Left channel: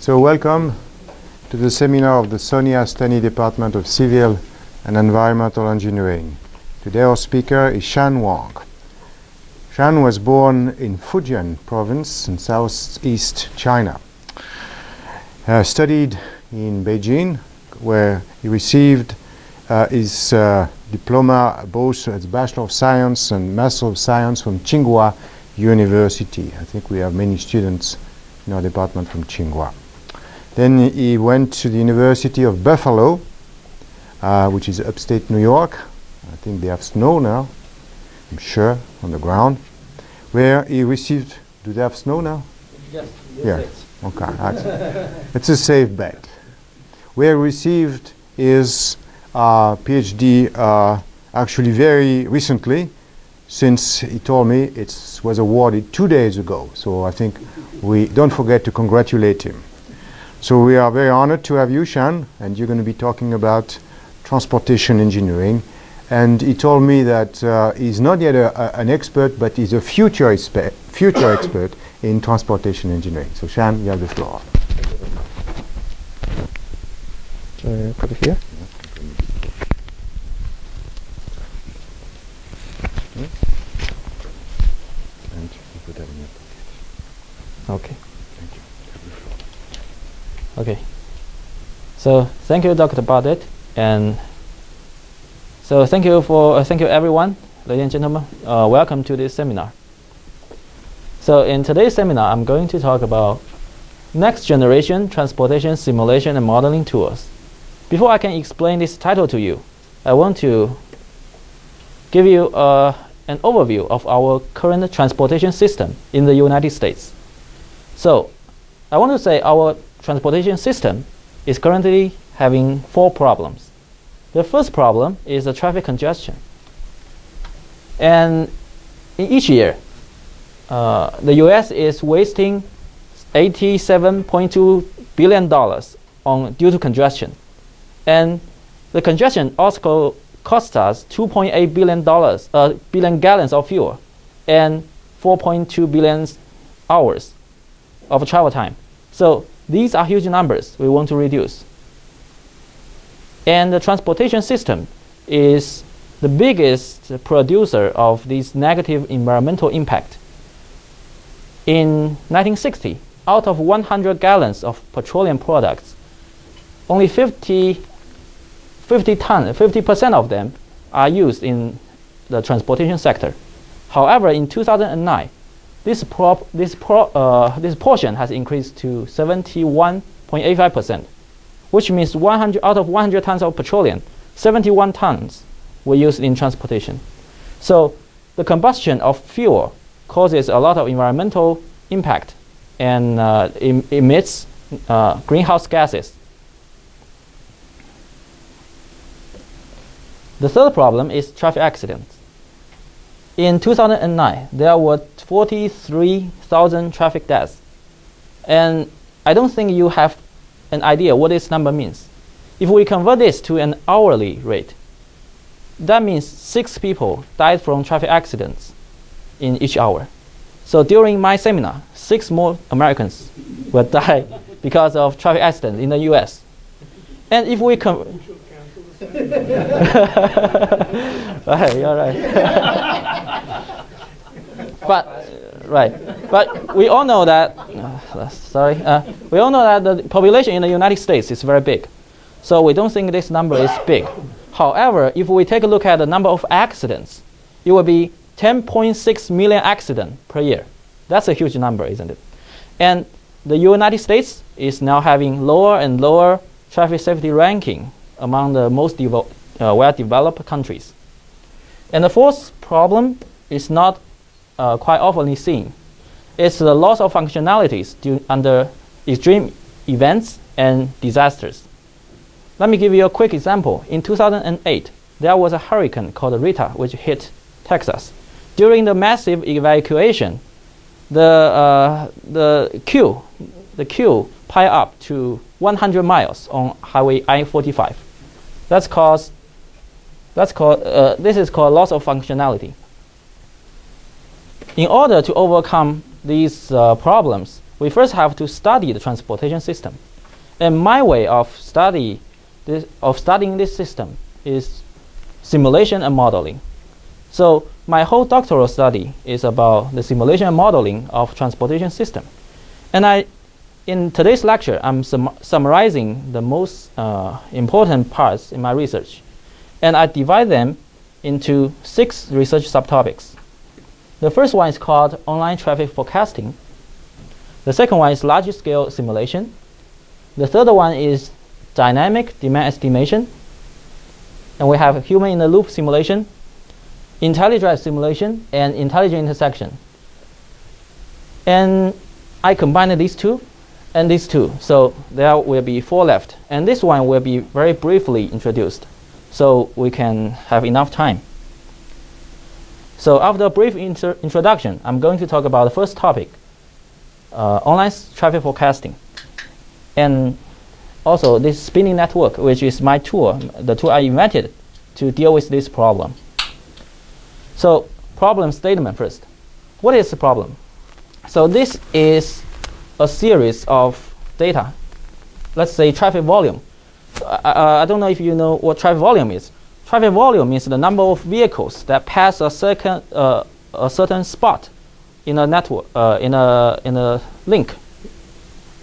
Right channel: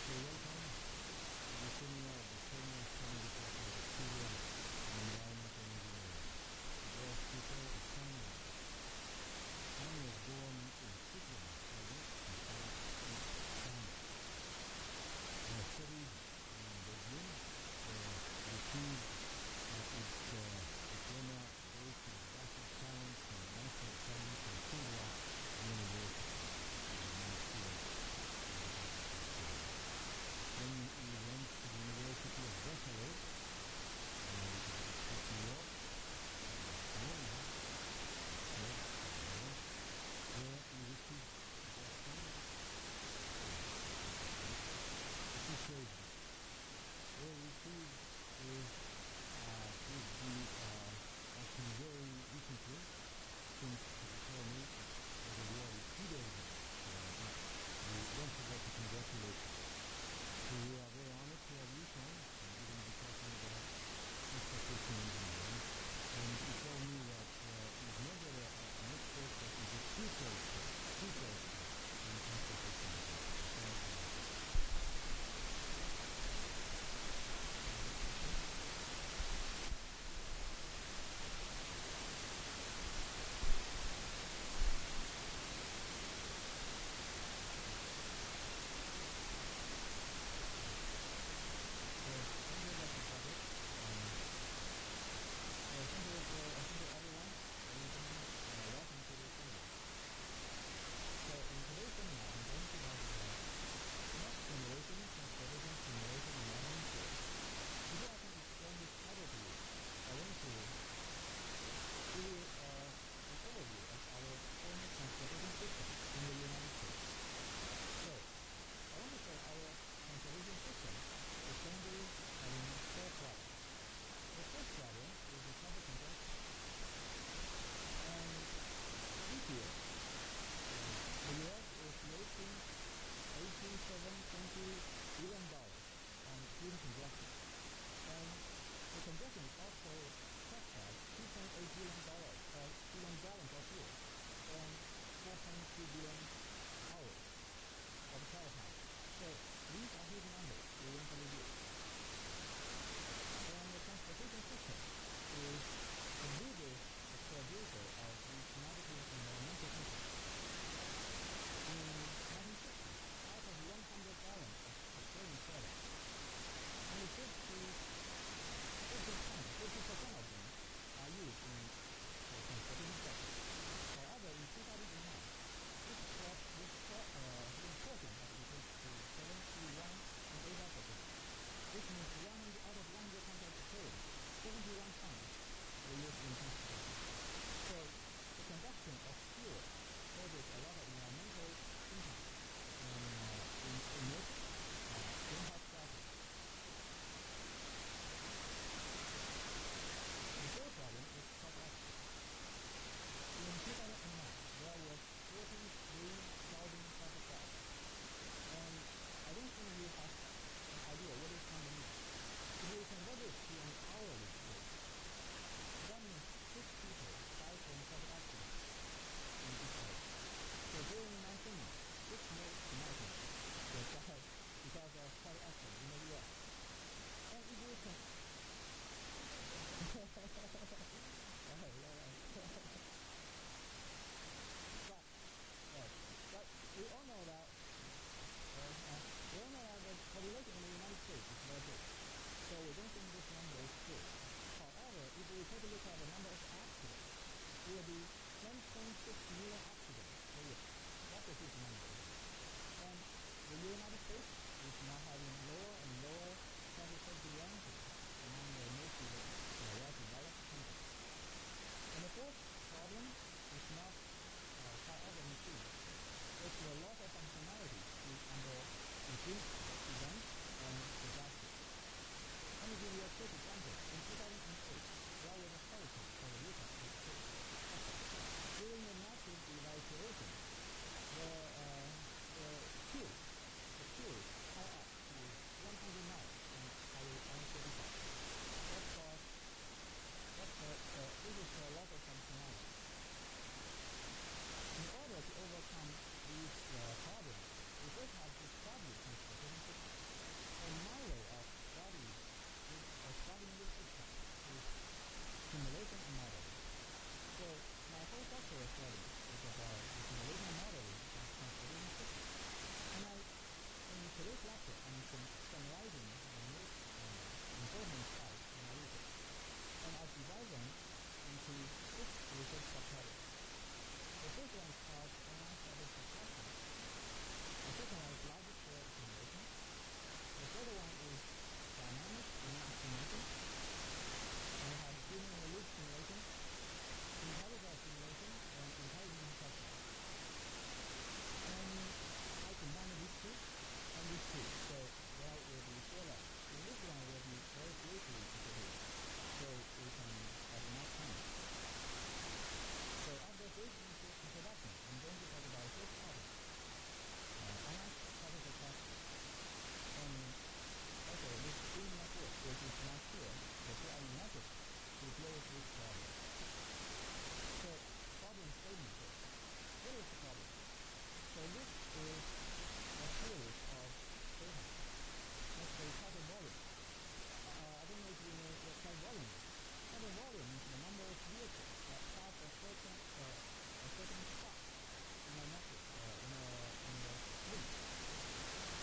So welcome to the seminar of the Sony Astani Department of Civil and Environmental Engineering. Today our speaker is Shan Huang. Shan was born in Fujian province in southeast China. Studied in Beijing, where he received his diploma, both as Bachelor of Science and Master of Science from Tsinghua University. I think we have many students in our department from Tsinghua. Then he went to the University of Buffalo, which is upstate New York. I think they have snow now, I'm sure, on the ground, where he received, do they have snow now? Yes. Yeah, okay, it's a safe bet. Where he received his Ph.D. Actually very recently, since he told me it was awarded 2 days ago. So I think we don't forget to congratulate him. So we are very honored to have you, Shan, and you're going to be talking about transportation engineering. And he told me that he's not yet an expert, but he's a future expert in transportation engineering. So Shan, you have the floor. Put it here. Okay. Okay. So thank you, Dr. Bardet, and so thank you everyone, ladies and gentlemen. Welcome to this seminar. So in today's seminar, I'm going to talk about next generation transportation simulation and modeling tools. Before I can explain this title to you, I want to give you an overview of our current transportation system in the United States. So I want to say our transportation system is currently having 4 problems. The first problem is the traffic congestion. And in each year, the US is wasting $87.2 billion due to congestion. And the congestion also costs us $2.8 billion gallons of fuel and 4.2 billion hours of travel time. So these are huge numbers we want to reduce. And the transportation system is the biggest producer of this negative environmental impact. In 1960, out of 100 gallons of petroleum products, only 50% of them are used in the transportation sector. However, in 2009, this portion has increased to 71.85%, which means out of 100 tons of petroleum, 71 tons were used in transportation. So the combustion of fuel causes a lot of environmental impact and emits greenhouse gases. The third problem is traffic accidents. In 2009, there were 43,000 traffic deaths. And I don't think you have an idea what this number means. If we convert this to an hourly rate, that means 6 people died from traffic accidents in each hour. So during my seminar, 6 more Americans will die because of traffic accidents in the US. And if we right, you're right. But we all know that. We all know that the population in the United States is very big, so we don't think this number is big. However, if we take a look at the number of accidents, it will be 10.6 million accidents per year. That's a huge number, isn't it? And the United States is now having lower and lower traffic safety ranking among the most well-developed countries. And the fourth problem is not quite often seen. It's the loss of functionalities under extreme events and disasters. Let me give you a quick example. In 2008, there was a hurricane called Rita, which hit Texas. During the massive evacuation, the queue piled up to 100 miles on Highway I-45. This is called loss of functionality. In order to overcome these problems, we first have to study the transportation system. And my way of studying this system is simulation and modeling. So my whole doctoral study is about the simulation and modeling of transportation system. And in today's lecture, I'm summarizing the most important parts in my research. And I divide them into 6 research subtopics. The first one is called online traffic forecasting. The second one is large-scale simulation. The third one is dynamic demand estimation. And we have human-in-the-loop simulation, IntelliDrive simulation, and intelligent intersection. And I combined these two and these two. So there will be 4 left. And this one will be very briefly introduced, so we can have enough time. So after a brief introduction, I'm going to talk about the first topic, online traffic forecasting. And also this spinning network, which is my tool, the tool I invented to deal with this problem. So problem statement first. What is the problem? So this is a series of data. Let's say traffic volume. I don't know if you know what traffic volume is. Traffic volume is the number of vehicles that pass a certain spot in a network, in a link,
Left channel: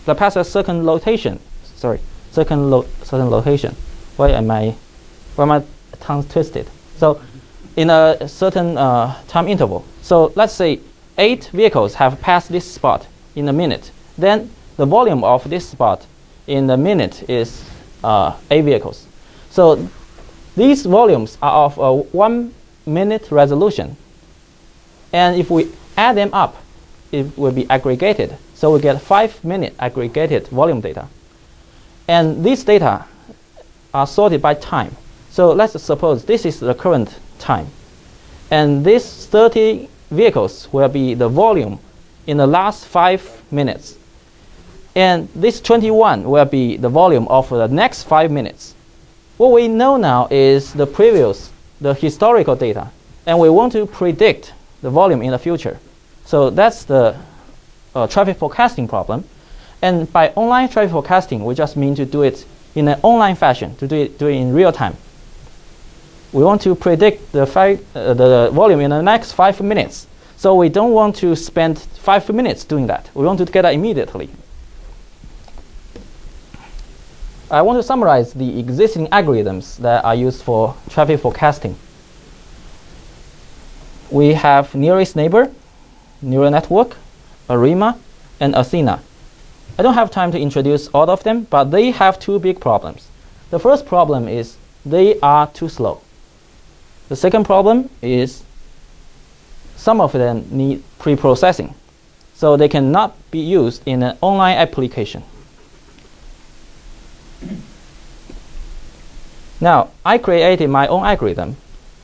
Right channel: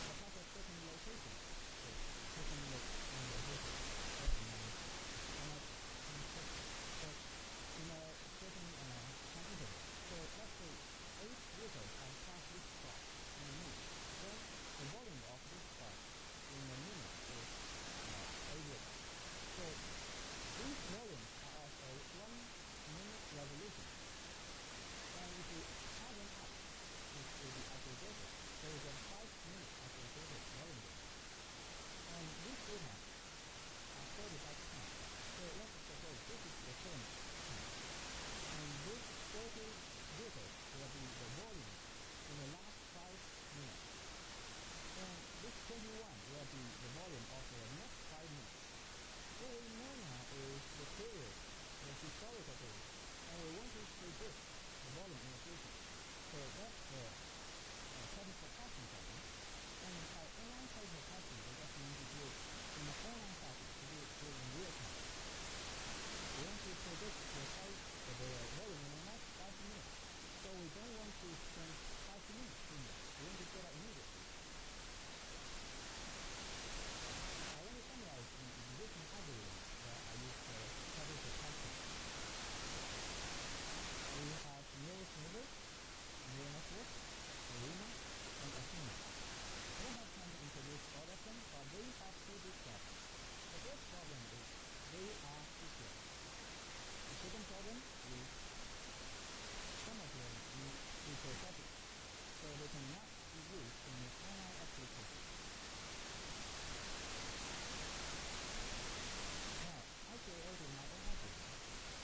that pass a certain location. Sorry, certain location. Why am I tongue twisted? So in a certain time interval. So let's say 8 vehicles have passed this spot in a minute. Then the volume of this spot in a minute is 8 vehicles. So these volumes are of a 1 minute resolution. And if we add them up, it will be aggregated. So we get 5-minute aggregated volume data. And these data are sorted by time. So let's suppose this is the current time. And these 30 vehicles will be the volume in the last 5 minutes. And this 21 will be the volume of the next 5 minutes. What we know now is the historical data. And we want to predict the volume in the future. So that's the traffic forecasting problem. And by online traffic forecasting, we just mean to do it in an online fashion, to do it in real time. We want to predict the volume in the next 5 minutes. So we don't want to spend 5 minutes doing that. We want to get that immediately. I want to summarize the existing algorithms that are used for traffic forecasting. We have nearest neighbor, neural network, ARIMA, and Astani. I don't have time to introduce all of them, but they have 2 big problems. The first problem is they are too slow. The second problem is some of them need pre-processing, so they cannot be used in an online application. Now, I created my own algorithm,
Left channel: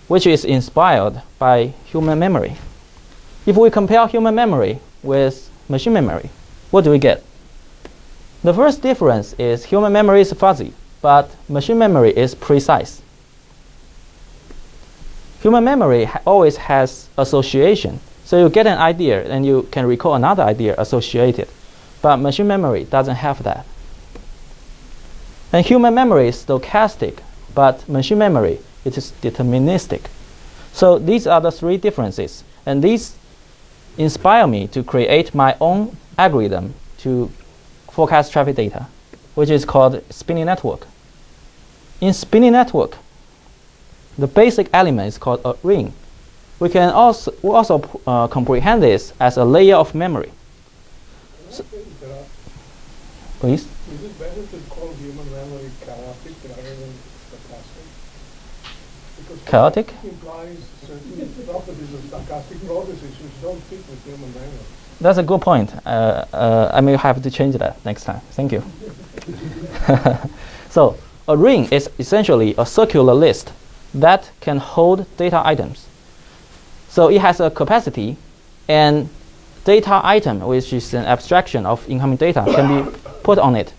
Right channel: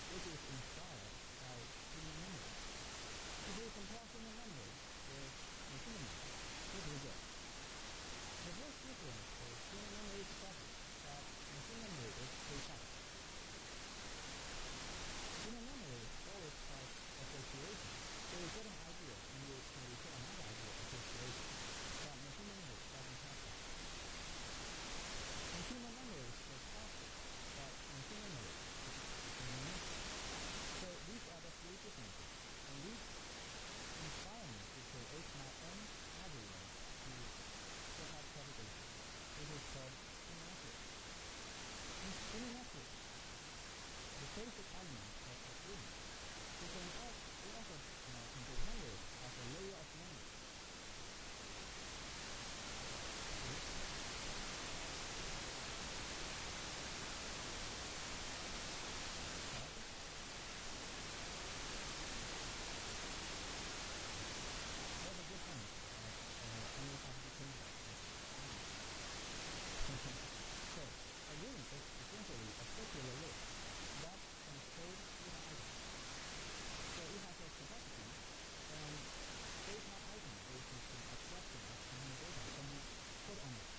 which is inspired by human memory. If we compare human memory with machine memory, what do we get? The first difference is human memory is fuzzy, but machine memory is precise. Human memory always has association. So you get an idea and you can recall another idea associated. But machine memory doesn't have that. And human memory is stochastic, but machine memory it is deterministic. So these are the 3 differences. And these inspire me to create my own algorithm to forecast traffic data, which is called spinning network. In spinning network, the basic element is called a ring. We can also comprehend this as a layer of memory. So, please? Is it better to call human memory chaotic rather than stochastic? Because Chaotic? implies certain properties of stochastic processes which don't fit with human memory. That's a good point. I may have to change that next time. Thank you. So a ring is essentially a circular list that can hold data items. So it has a capacity, and data item, which is an abstraction of incoming data, can be put on it.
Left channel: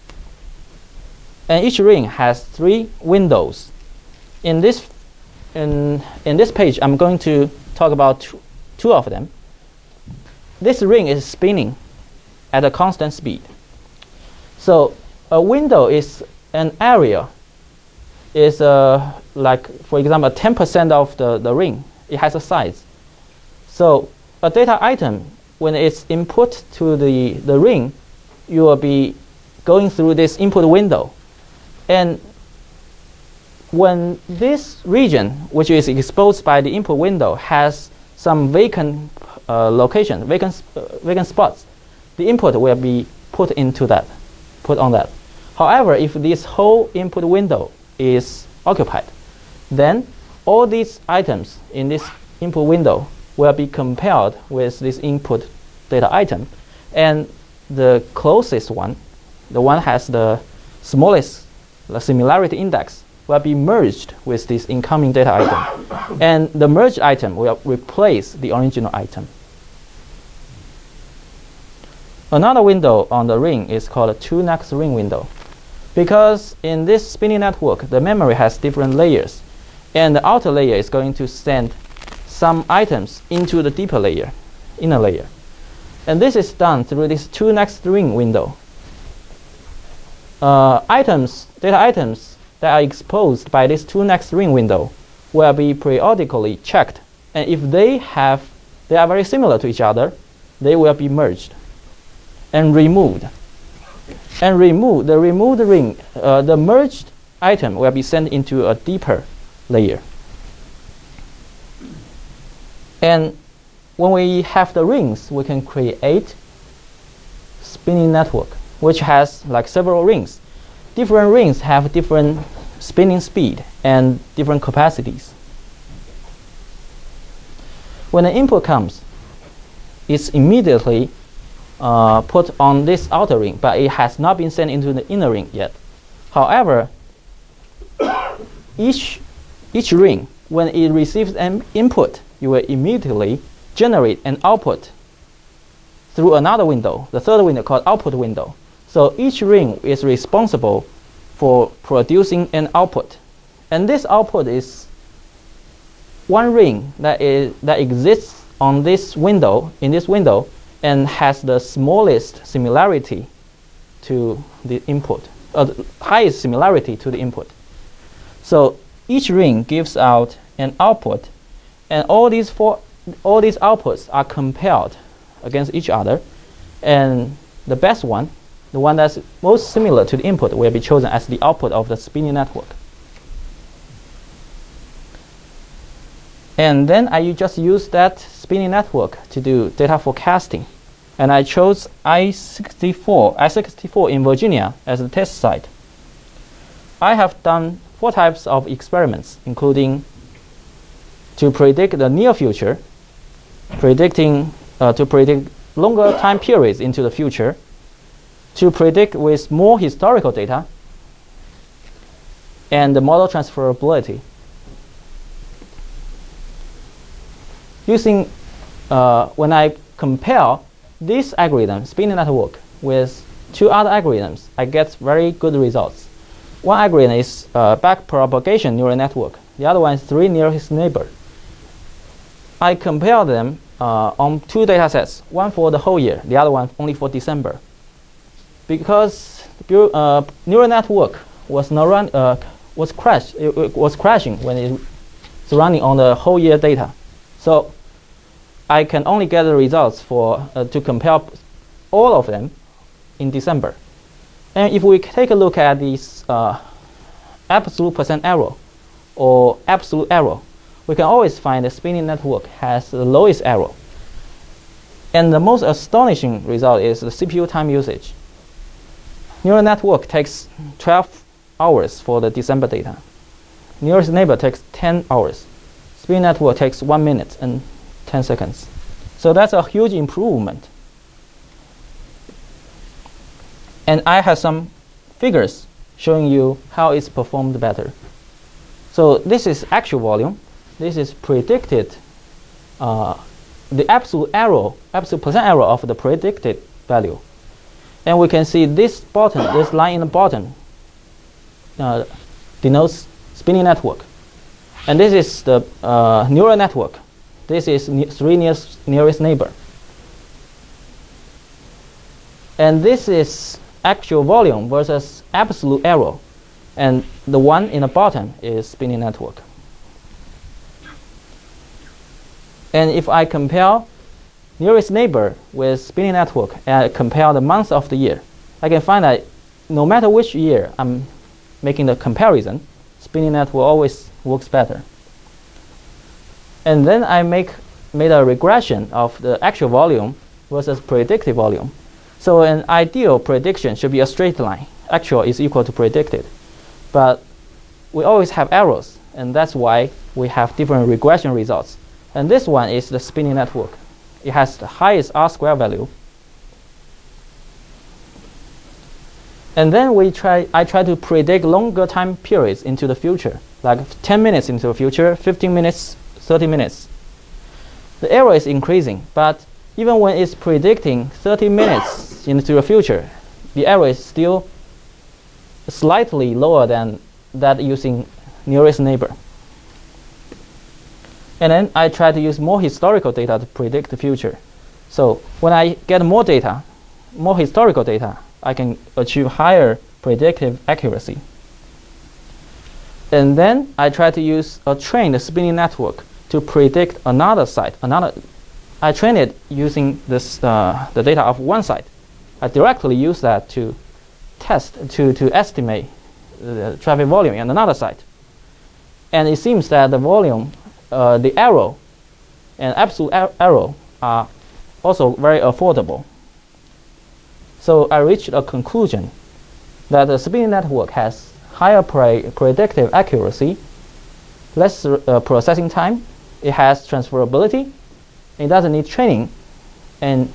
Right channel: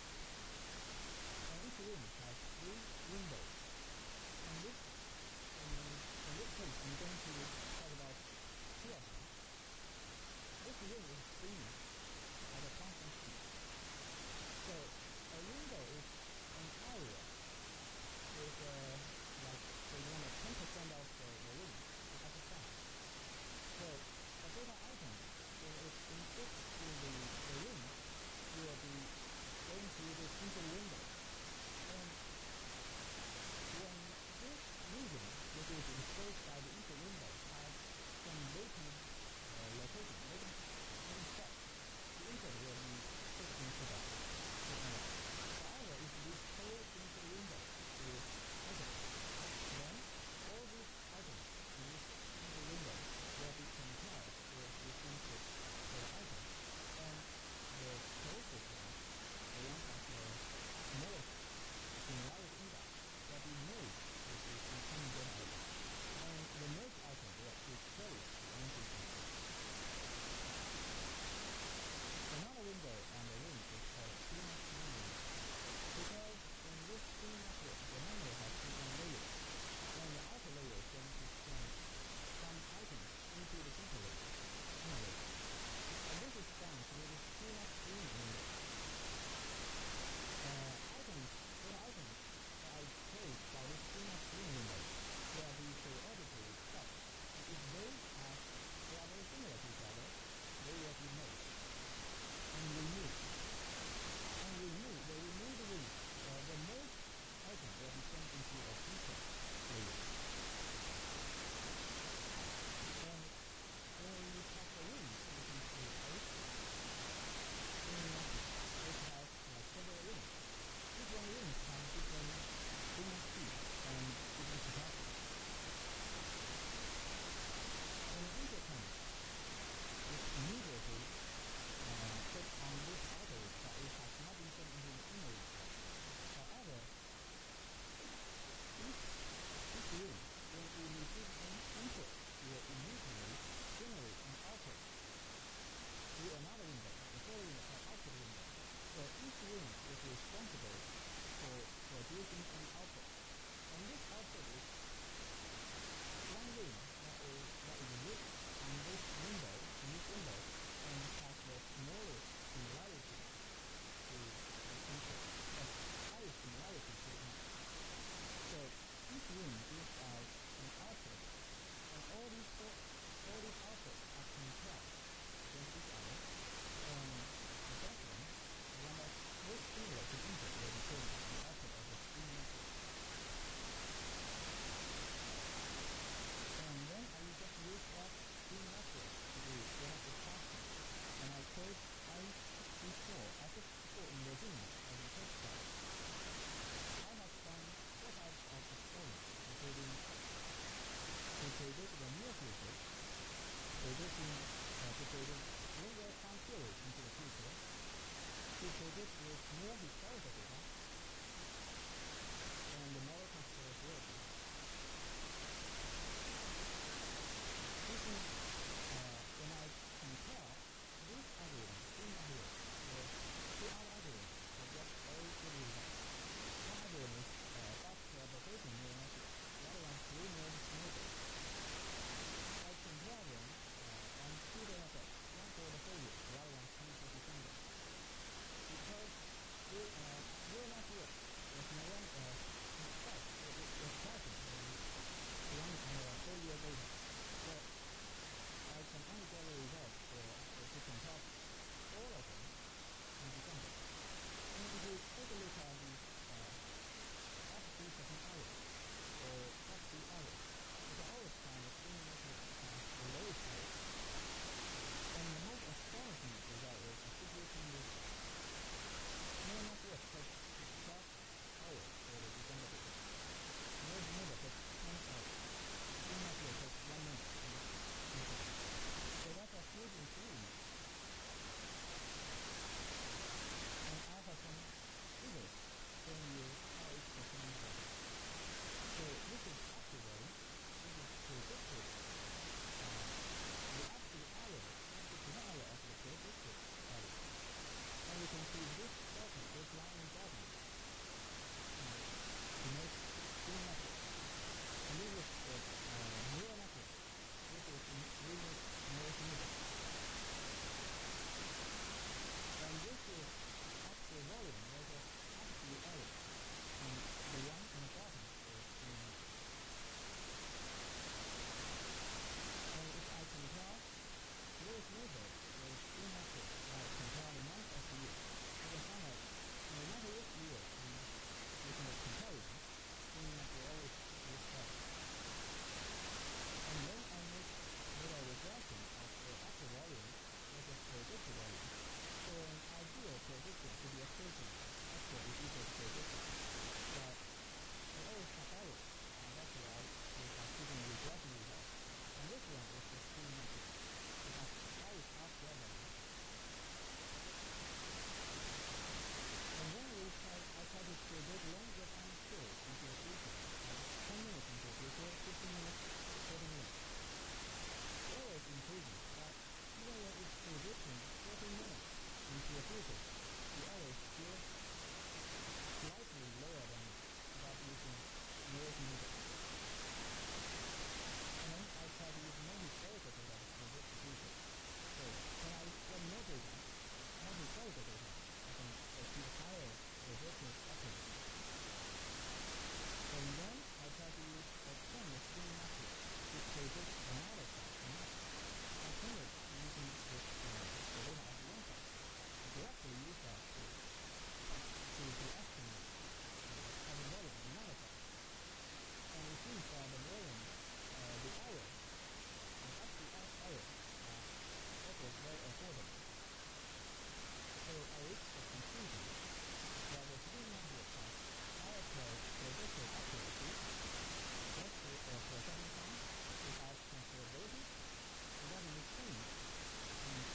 And each ring has 3 windows. In this page, I'm going to talk about two of them. This ring is spinning at a constant speed. So a window is an area, is like, for example, 10% of the ring. It has a size. So a data item, when it's input to the ring, you will be going through this input window. And when this region, which is exposed by the input window, has some vacant location, vacant spots, the input will be put on that. However, if this whole input window is occupied, then all these items in this input window will be compared with this input data item, and the closest one, the one has the smallest similarity index, will be merged with this incoming data item, and the merged item will replace the original item. Another window on the ring is called a 2-next ring window, because in this spinning network, the memory has different layers, and the outer layer is going to send some items into the deeper layer, inner layer. And this is done through this 2-next ring window. Data items that are exposed by this 2-next ring window will be periodically checked, and if they are very similar to each other, they will be merged and removed. And the removed ring, the merged item will be sent into a deeper layer. And when we have the rings, we can create spinning network, which has like several rings. Different rings have different spinning speed and different capacities. When an input comes, it's immediately put on this outer ring, but it has not been sent into the inner ring yet. However, each ring, when it receives an input, you will immediately generate an output through another window, the third window called output window. So each ring is responsible for producing an output. And this output is one ring that exists on this window, in this window, and has the smallest similarity to the input, the highest similarity to the input. So each ring gives out an output, and all these outputs are compared against each other, and the best one, the one that's most similar to the input, will be chosen as the output of the spinning network. And then I just use that spinning network to do data forecasting. And I chose I-64 in Virginia as the test site. I have done 4 types of experiments, including to predict the near future, to predict longer time periods into the future, to predict with more historical data, and the model transferability. Using, when I compare this algorithm, spinning network, with 2 other algorithms, I get very good results. One algorithm is backpropagation neural network. The other one is 3 nearest neighbor. I compare them on 2 data sets, one for the whole year, the other one only for December. Because neural network was crashing when it's running on the whole year data. So I can only get the results for to compare all of them in December. And if we take a look at this absolute % error or absolute error, we can always find the spinning network has the lowest error. And the most astonishing result is the CPU time usage. Neural network takes 12 hours for the December data. Nearest neighbor takes 10 hours. Spinning network takes 1 minute and 10 seconds. So that's a huge improvement. And I have some figures showing you how it's performed better. So this is actual volume. This is predicted, the absolute % error of the predicted value. And we can see this bottom, this line in the bottom denotes spinning network. And this is the neural network. This is 3 nearest neighbor. And this is actual volume versus absolute error. And the one in the bottom is spinning network. And if I compare nearest neighbor with spinning network and compare the months of the year, I can find that no matter which year I'm making the comparison, spinning network always works better. And then I made a regression of the actual volume versus predicted volume. So an ideal prediction should be a straight line. Actual is equal to predicted. But we always have errors, and that's why we have different regression results. And this one is the spinning network. It has the highest R-square value. And then I try to predict longer time periods into the future, like 10 minutes into the future, 15 minutes, 30 minutes. The error is increasing, but even when it's predicting 30 minutes into the future, the error is still slightly lower than that using nearest neighbor. And then I try to use more historical data to predict the future. So when I get more data, more historical data, I can achieve higher predictive accuracy. And then I try to use a trained spinning network to predict another site. I train it using this, the data of one site. I directly use that to to estimate the traffic volume in another site. And it seems that the volume, the error, and absolute error are also very affordable. So I reached a conclusion that the spinning network has higher predictive accuracy, less processing time, it has transferability, it doesn't need training, and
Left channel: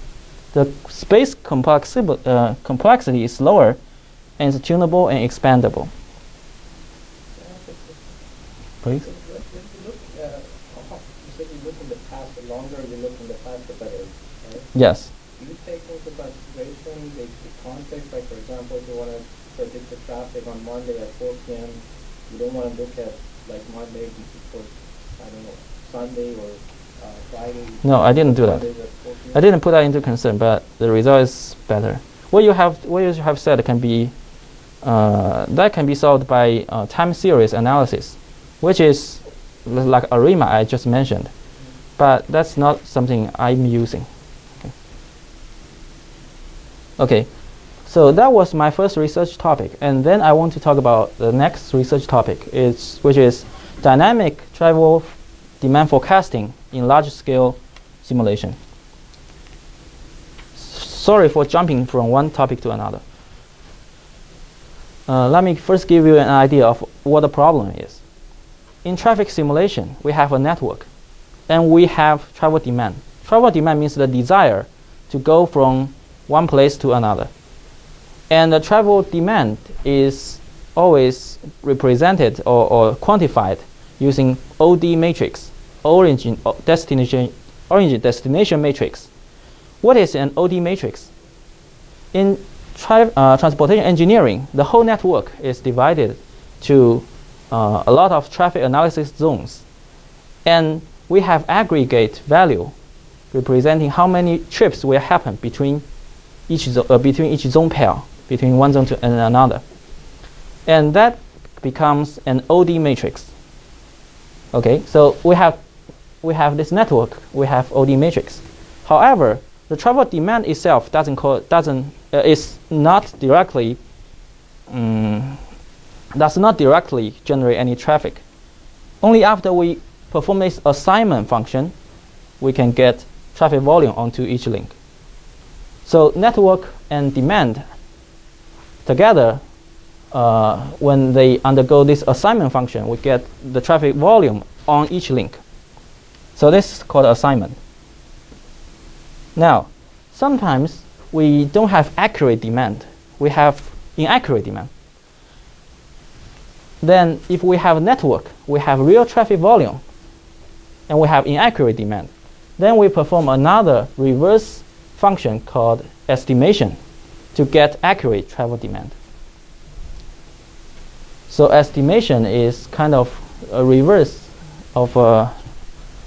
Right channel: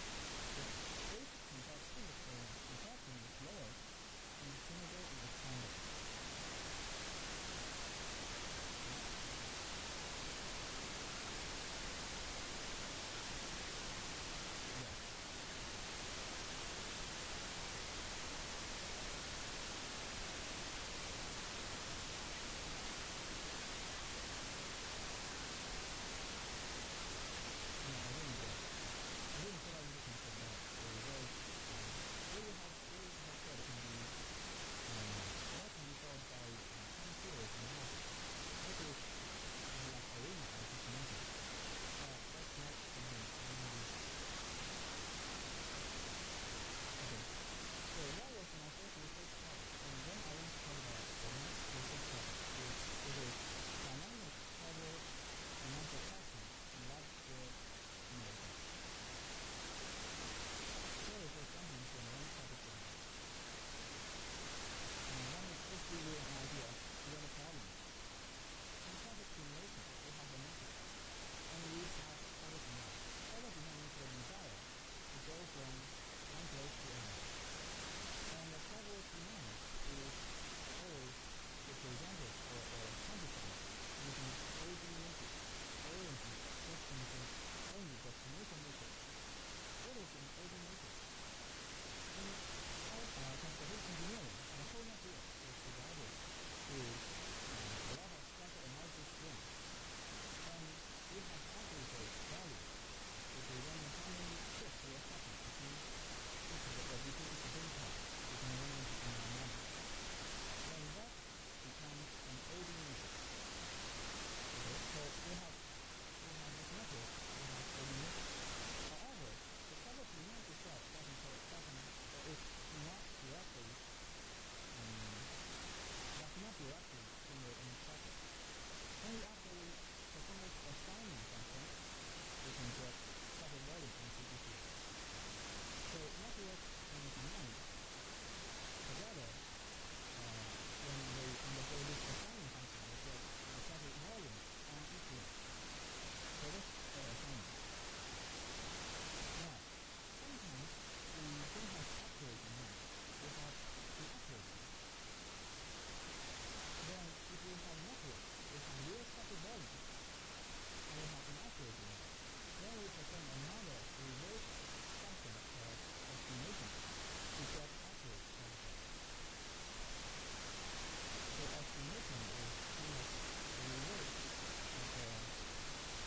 the space complexity is lower, and it's tunable and expandable. Please? You said you look in the past, the longer you look in the past, the better, right? Yes. Do you take into consideration the context, like for example, if you want to predict the traffic on Monday at 4 p.m., you don't want to look at like Monday for, I don't know, Sunday or Friday? No, I didn't do that. I didn't put that into concern, but the result is better. What you have said can be that can be solved by time series analysis, which is like ARIMA I just mentioned, but that's not something I'm using. Okay, so that was my first research topic, and then I want to talk about the next research topic, which is dynamic travel demand forecasting in large-scale simulation. Sorry for jumping from one topic to another. Let me first give you an idea of what the problem is. In traffic simulation, we have a network, and we have travel demand. Travel demand means the desire to go from one place to another. And the travel demand is always represented or quantified using ODE matrix, origin destination matrix. What is an ODE matrix? In transportation engineering, the whole network is divided to a lot of traffic analysis zones. And we have aggregate value representing how many trips will happen between each zone pair, between one zone to another. And that becomes an ODE matrix. Okay, so we have this network, we have ODE matrix. However, the travel demand itself is not directly does not directly generate any traffic. Only after we perform this assignment function, we can get traffic volume onto each link. So network and demand together, when they undergo this assignment function, we get the traffic volume on each link. So this is called assignment. Now, sometimes we don't have accurate demand. We have inaccurate demand. Then if we have a network, we have real traffic volume, and we have inaccurate demand. Then we perform another reverse function called estimation to get accurate travel demand. So estimation is kind of a reverse of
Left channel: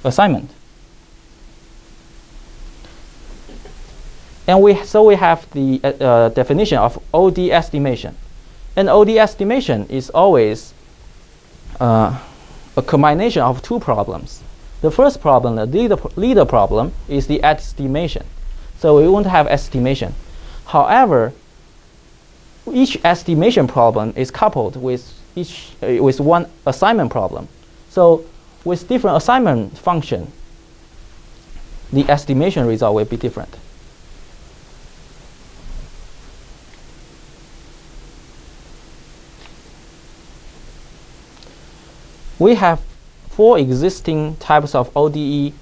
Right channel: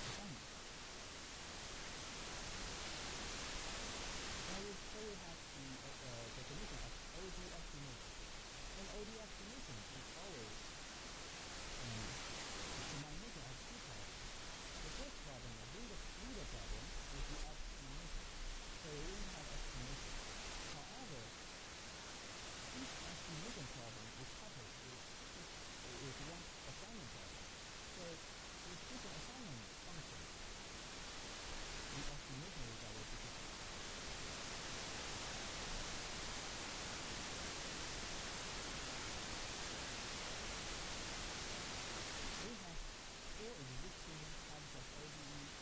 assignment. And so we have the definition of ODE estimation. And ODE estimation is always a combination of two problems. The first problem, the leader problem, is the estimation. So we won't have estimation. However, each estimation problem is coupled with one assignment problem. So with different assignment function, the estimation result will be different. We have 4 existing types of ODE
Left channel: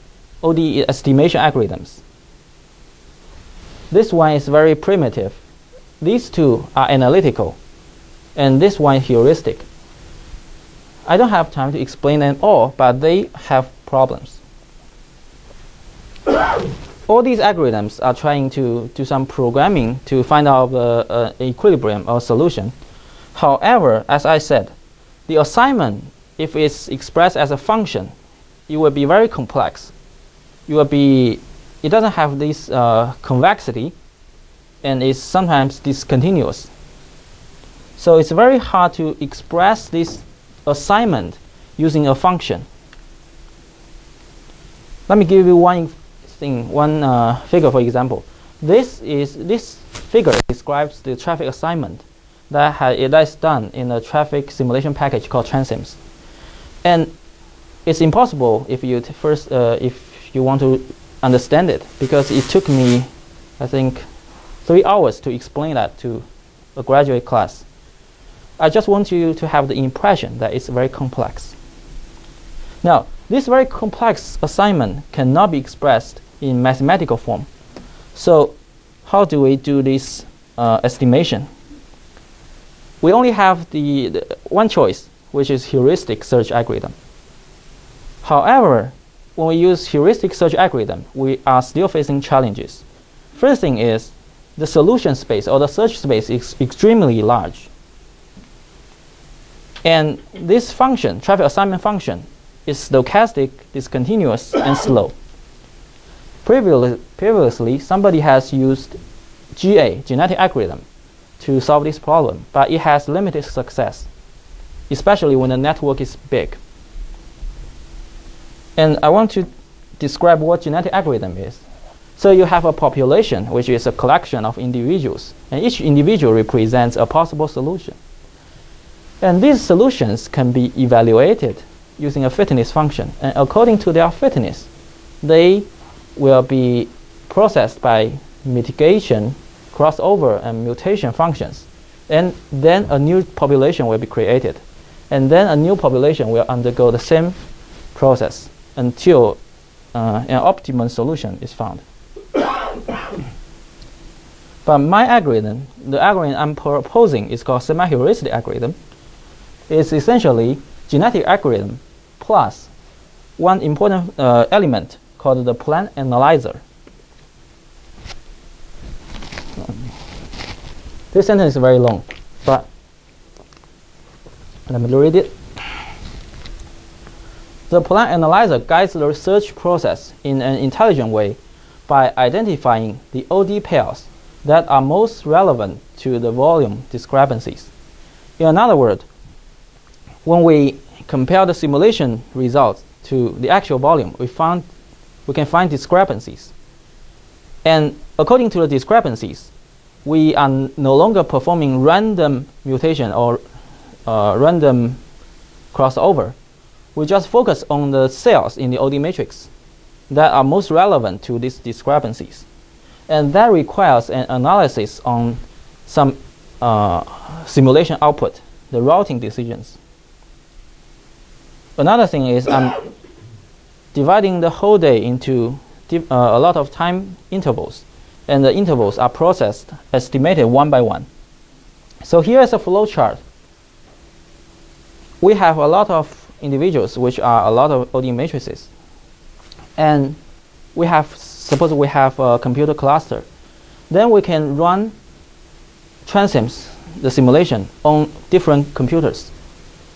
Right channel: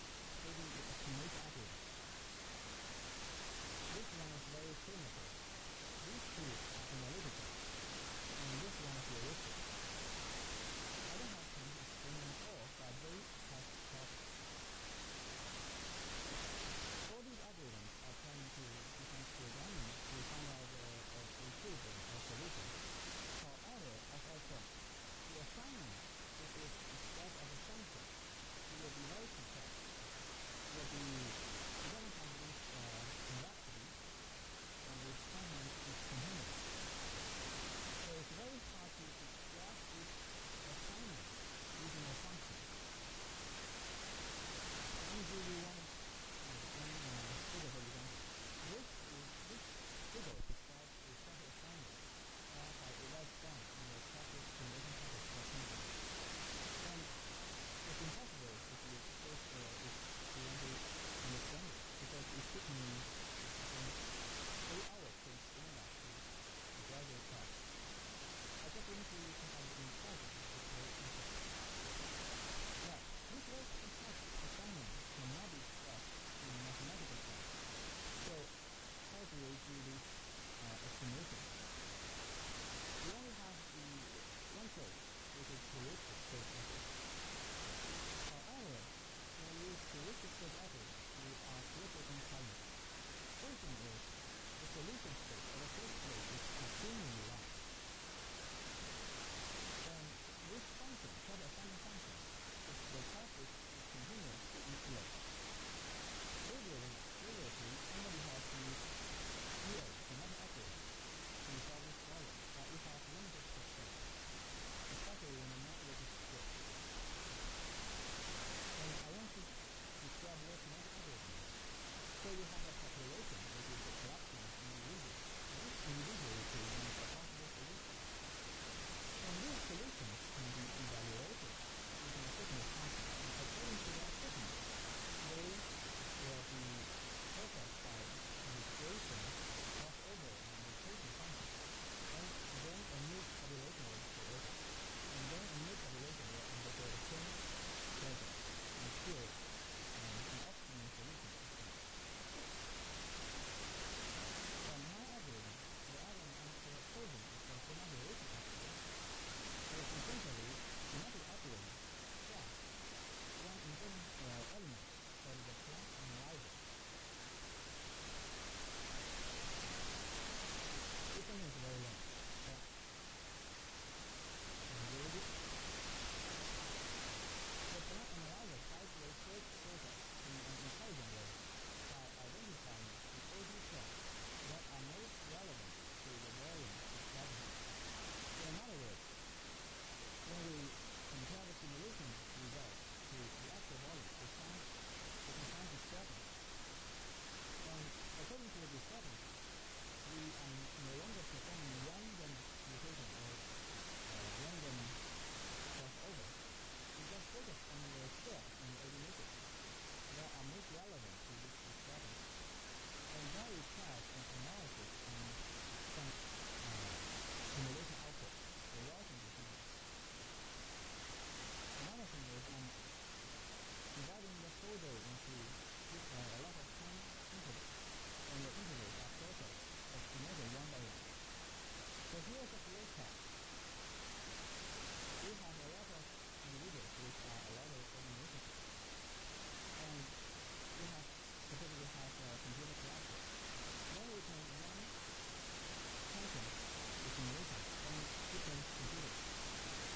estimation algorithms. This one is very primitive. These 2 are analytical, and this one is heuristic. I don't have time to explain them all, but they have problems. All these algorithms are trying to do some programming to find out the equilibrium or solution. However, as I said, the assignment, if it's expressed as a function, it will be very complex. It doesn't have this convexity, and it's sometimes discontinuous. So it's very hard to express this assignment using a function. Let me give you one figure, for example. This figure describes the traffic assignment that is done in a traffic simulation package called TRANSIMS. And it's impossible if you if you want to understand it, because it took me, I think, 3 hours to explain that to a graduate class. I just want you to have the impression that it's very complex. Now, this very complex assignment cannot be expressed in mathematical form. So how do we do this estimation? We only have the one choice, which is heuristic search algorithm. However, when we use heuristic search algorithm, we are still facing challenges. First thing is, the solution space or the search space is extremely large. And this function, traffic assignment function, is stochastic, discontinuous, and slow. Previously, somebody has used GA, genetic algorithm, to solve this problem, but it has limited success, especially when the network is big. And I want to describe what genetic algorithm is. So you have a population, which is a collection of individuals, and each individual represents a possible solution. And these solutions can be evaluated using a fitness function. And according to their fitness, they will be processed by mitigation, crossover, and mutation functions. And then a new population will be created. And then a new population will undergo the same process until an optimum solution is found. But my algorithm, the algorithm I'm proposing, is called Semi-Heuristic Algorithm. It's essentially genetic algorithm plus one important element called the plan analyzer. This sentence is very long, but let me read it. The plan analyzer guides the research process in an intelligent way by identifying the ODE pairs that are most relevant to the volume discrepancies. In other words, when we compare the simulation results to the actual volume, we can find discrepancies. And according to the discrepancies, we are no longer performing random mutation or random crossover. We just focus on the cells in the ODE matrix that are most relevant to these discrepancies. And that requires an analysis on some simulation output, the routing decisions. Another thing is I'm dividing the whole day into a lot of time intervals, and the intervals are processed, estimated one by one. So here is a flow chart. We have a lot of individuals, which are a lot of ODE matrices. And suppose we have a computer cluster. Then we can run TRANSIMS, the simulation, on different computers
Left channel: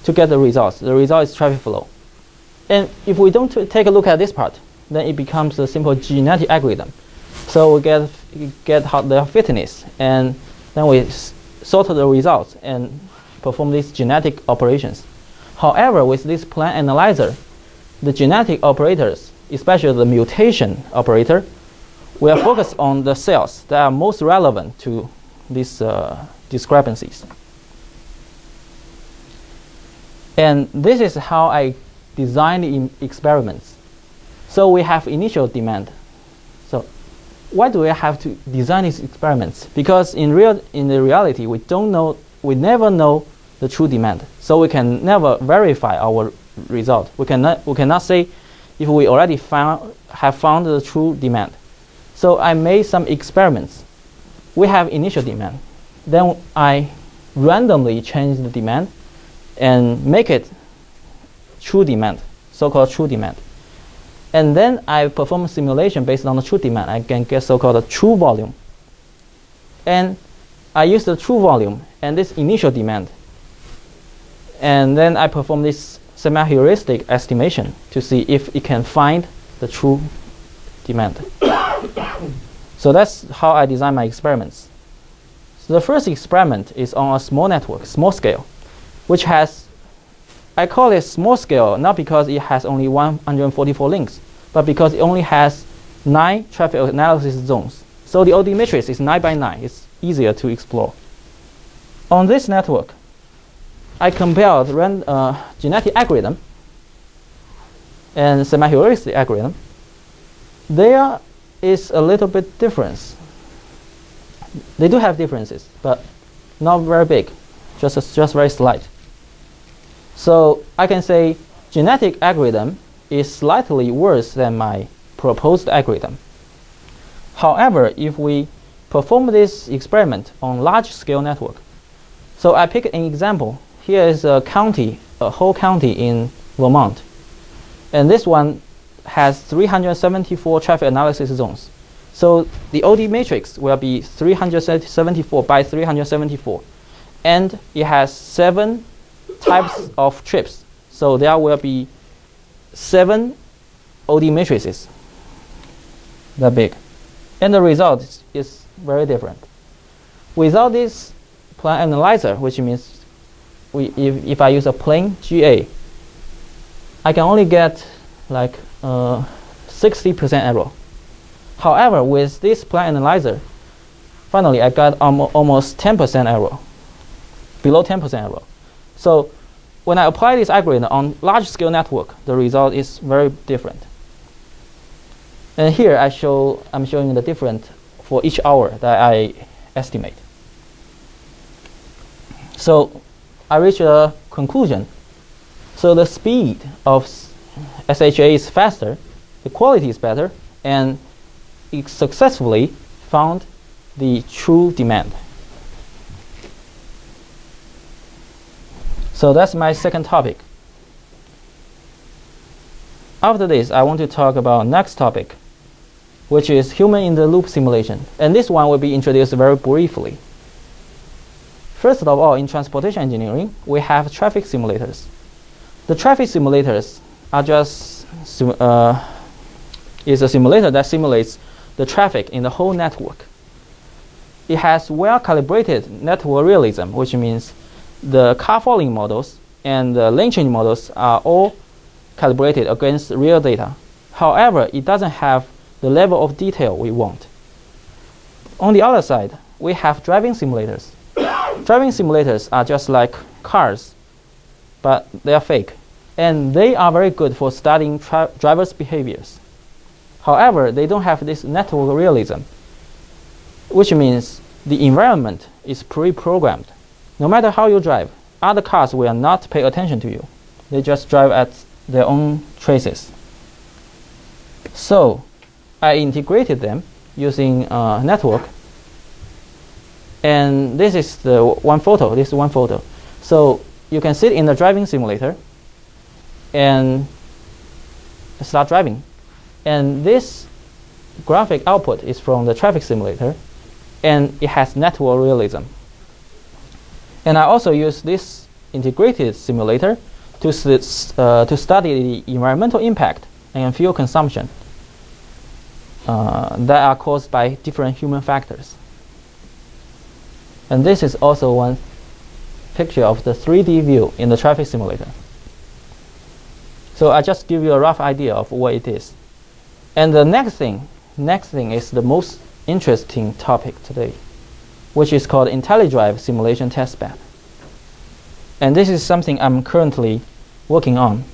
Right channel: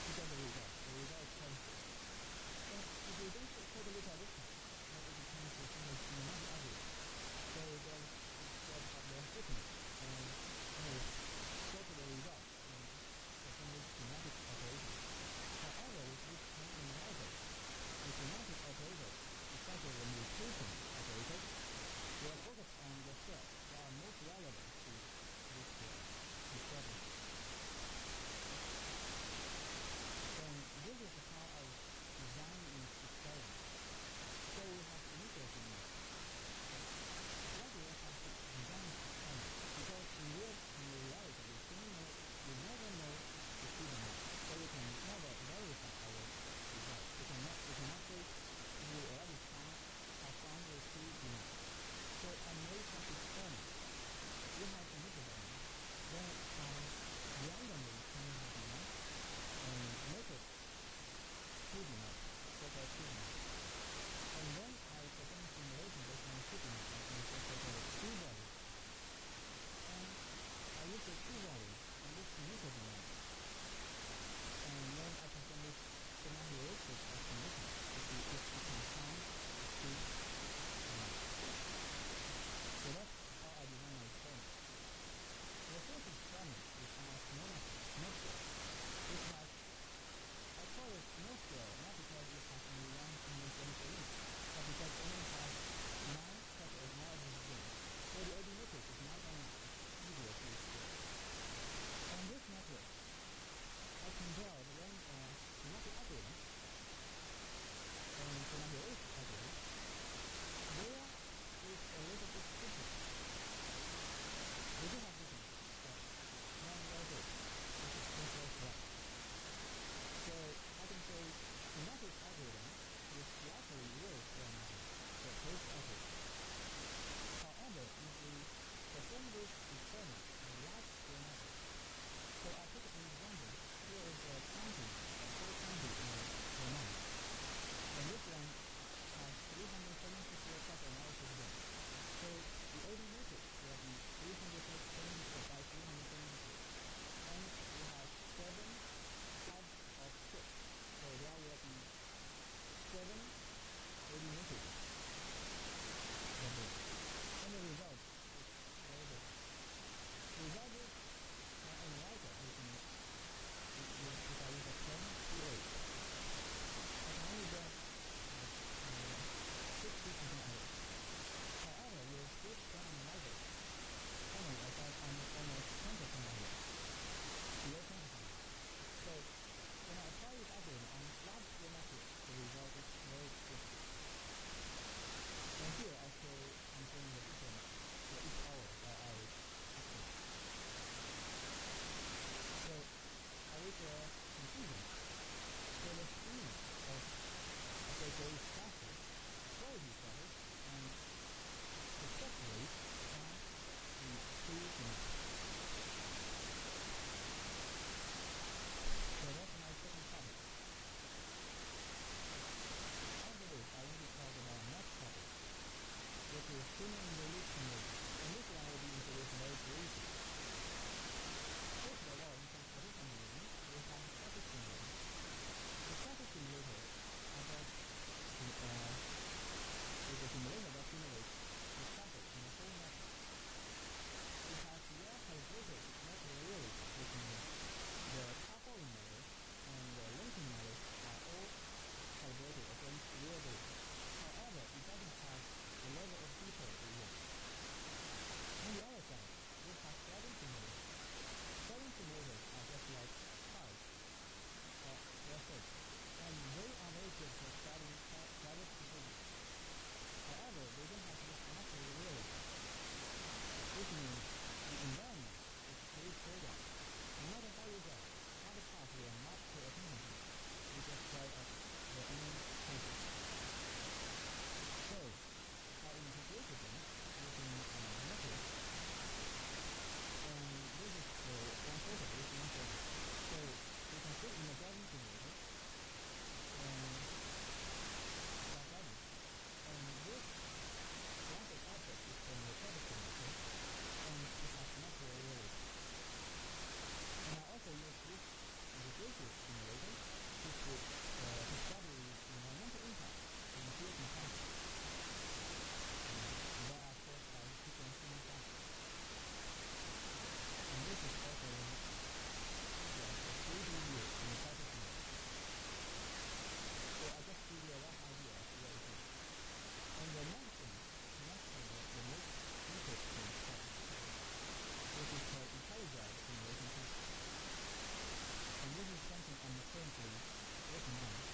to get the results. The result is traffic flow. And if we don't take a look at this part, then it becomes a simple genetic algorithm. So we get their fitness, and then we sort the results and perform these genetic operations. However, with this plan analyzer, the genetic operators, especially the mutation operator, we are focused on the cells that are most relevant to these discrepancies. And this is how I design the experiments. So we have initial demand. So why do we have to design these experiments? Because in the reality, we never know the true demand. So we can never verify our result. We cannot say if we already have found the true demand. So I made some experiments. We have initial demand. Then I randomly change the demand and make it true demand, so-called true demand. And then I perform a simulation based on the true demand. I can get so-called a true volume. And I use the true volume and this initial demand. And then I perform this semi-heuristic estimation to see if it can find the true demand. So that's how I design my experiments. So the first experiment is on a small network, small scale, which has, I call it small scale not because it has only 144 links, but because it only has 9 traffic analysis zones. So the ODE matrix is 9 by 9. It's easier to explore. On this network, I compared genetic algorithm and semi-heuristic algorithm. There is a little bit difference. They do have differences, but not very big, just very slight. So I can say genetic algorithm is slightly worse than my proposed algorithm. However, if we perform this experiment on large-scale network, so I pick an example. Here is a county, a whole county in Vermont, and this one has 374 traffic analysis zones. So the ODE matrix will be 374 by 374, and it has 7 types of trips. So there will be 7 ODE matrices that big, and the result is very different. Without this plan analyzer, which means if I use a plain GA, I can only get like 60% error. However, with this plan analyzer, finally I got almost 10% error, below 10% error. So when I apply this algorithm on large-scale network, the result is very different. And here I'm showing the difference for each hour that I estimate. So I reach a conclusion. So the speed of SHA is faster, the quality is better, and it successfully found the true demand. So that's my second topic. After this, I want to talk about next topic, which is human-in-the-loop simulation. And this one will be introduced very briefly. First of all, in transportation engineering, we have traffic simulators. The traffic simulators are just is a simulator that simulates the traffic in the whole network. It has well-calibrated network realism, which means the car following models and the lane change models are all calibrated against real data. However, it doesn't have the level of detail we want. On the other side, we have driving simulators. Driving simulators are just like cars, but they are fake. And they are very good for studying drivers' behaviors. However, they don't have this network realism, which means the environment is pre-programmed. No matter how you drive, other cars will not pay attention to you. They just drive at their own traces. So I integrated them using network. And this is the one photo. This is one photo. So you can sit in the driving simulator and start driving. And this graphic output is from the traffic simulator, and it has network realism. And I also use this integrated simulator to study the environmental impact and fuel consumption. that are caused by different human factors. And this is also one picture of the 3D view in the traffic simulator. So I just give you a rough idea of what it is. And the next thing is the most interesting topic today, which is called IntelliDrive Simulation Testbed. And this is something I'm currently working on.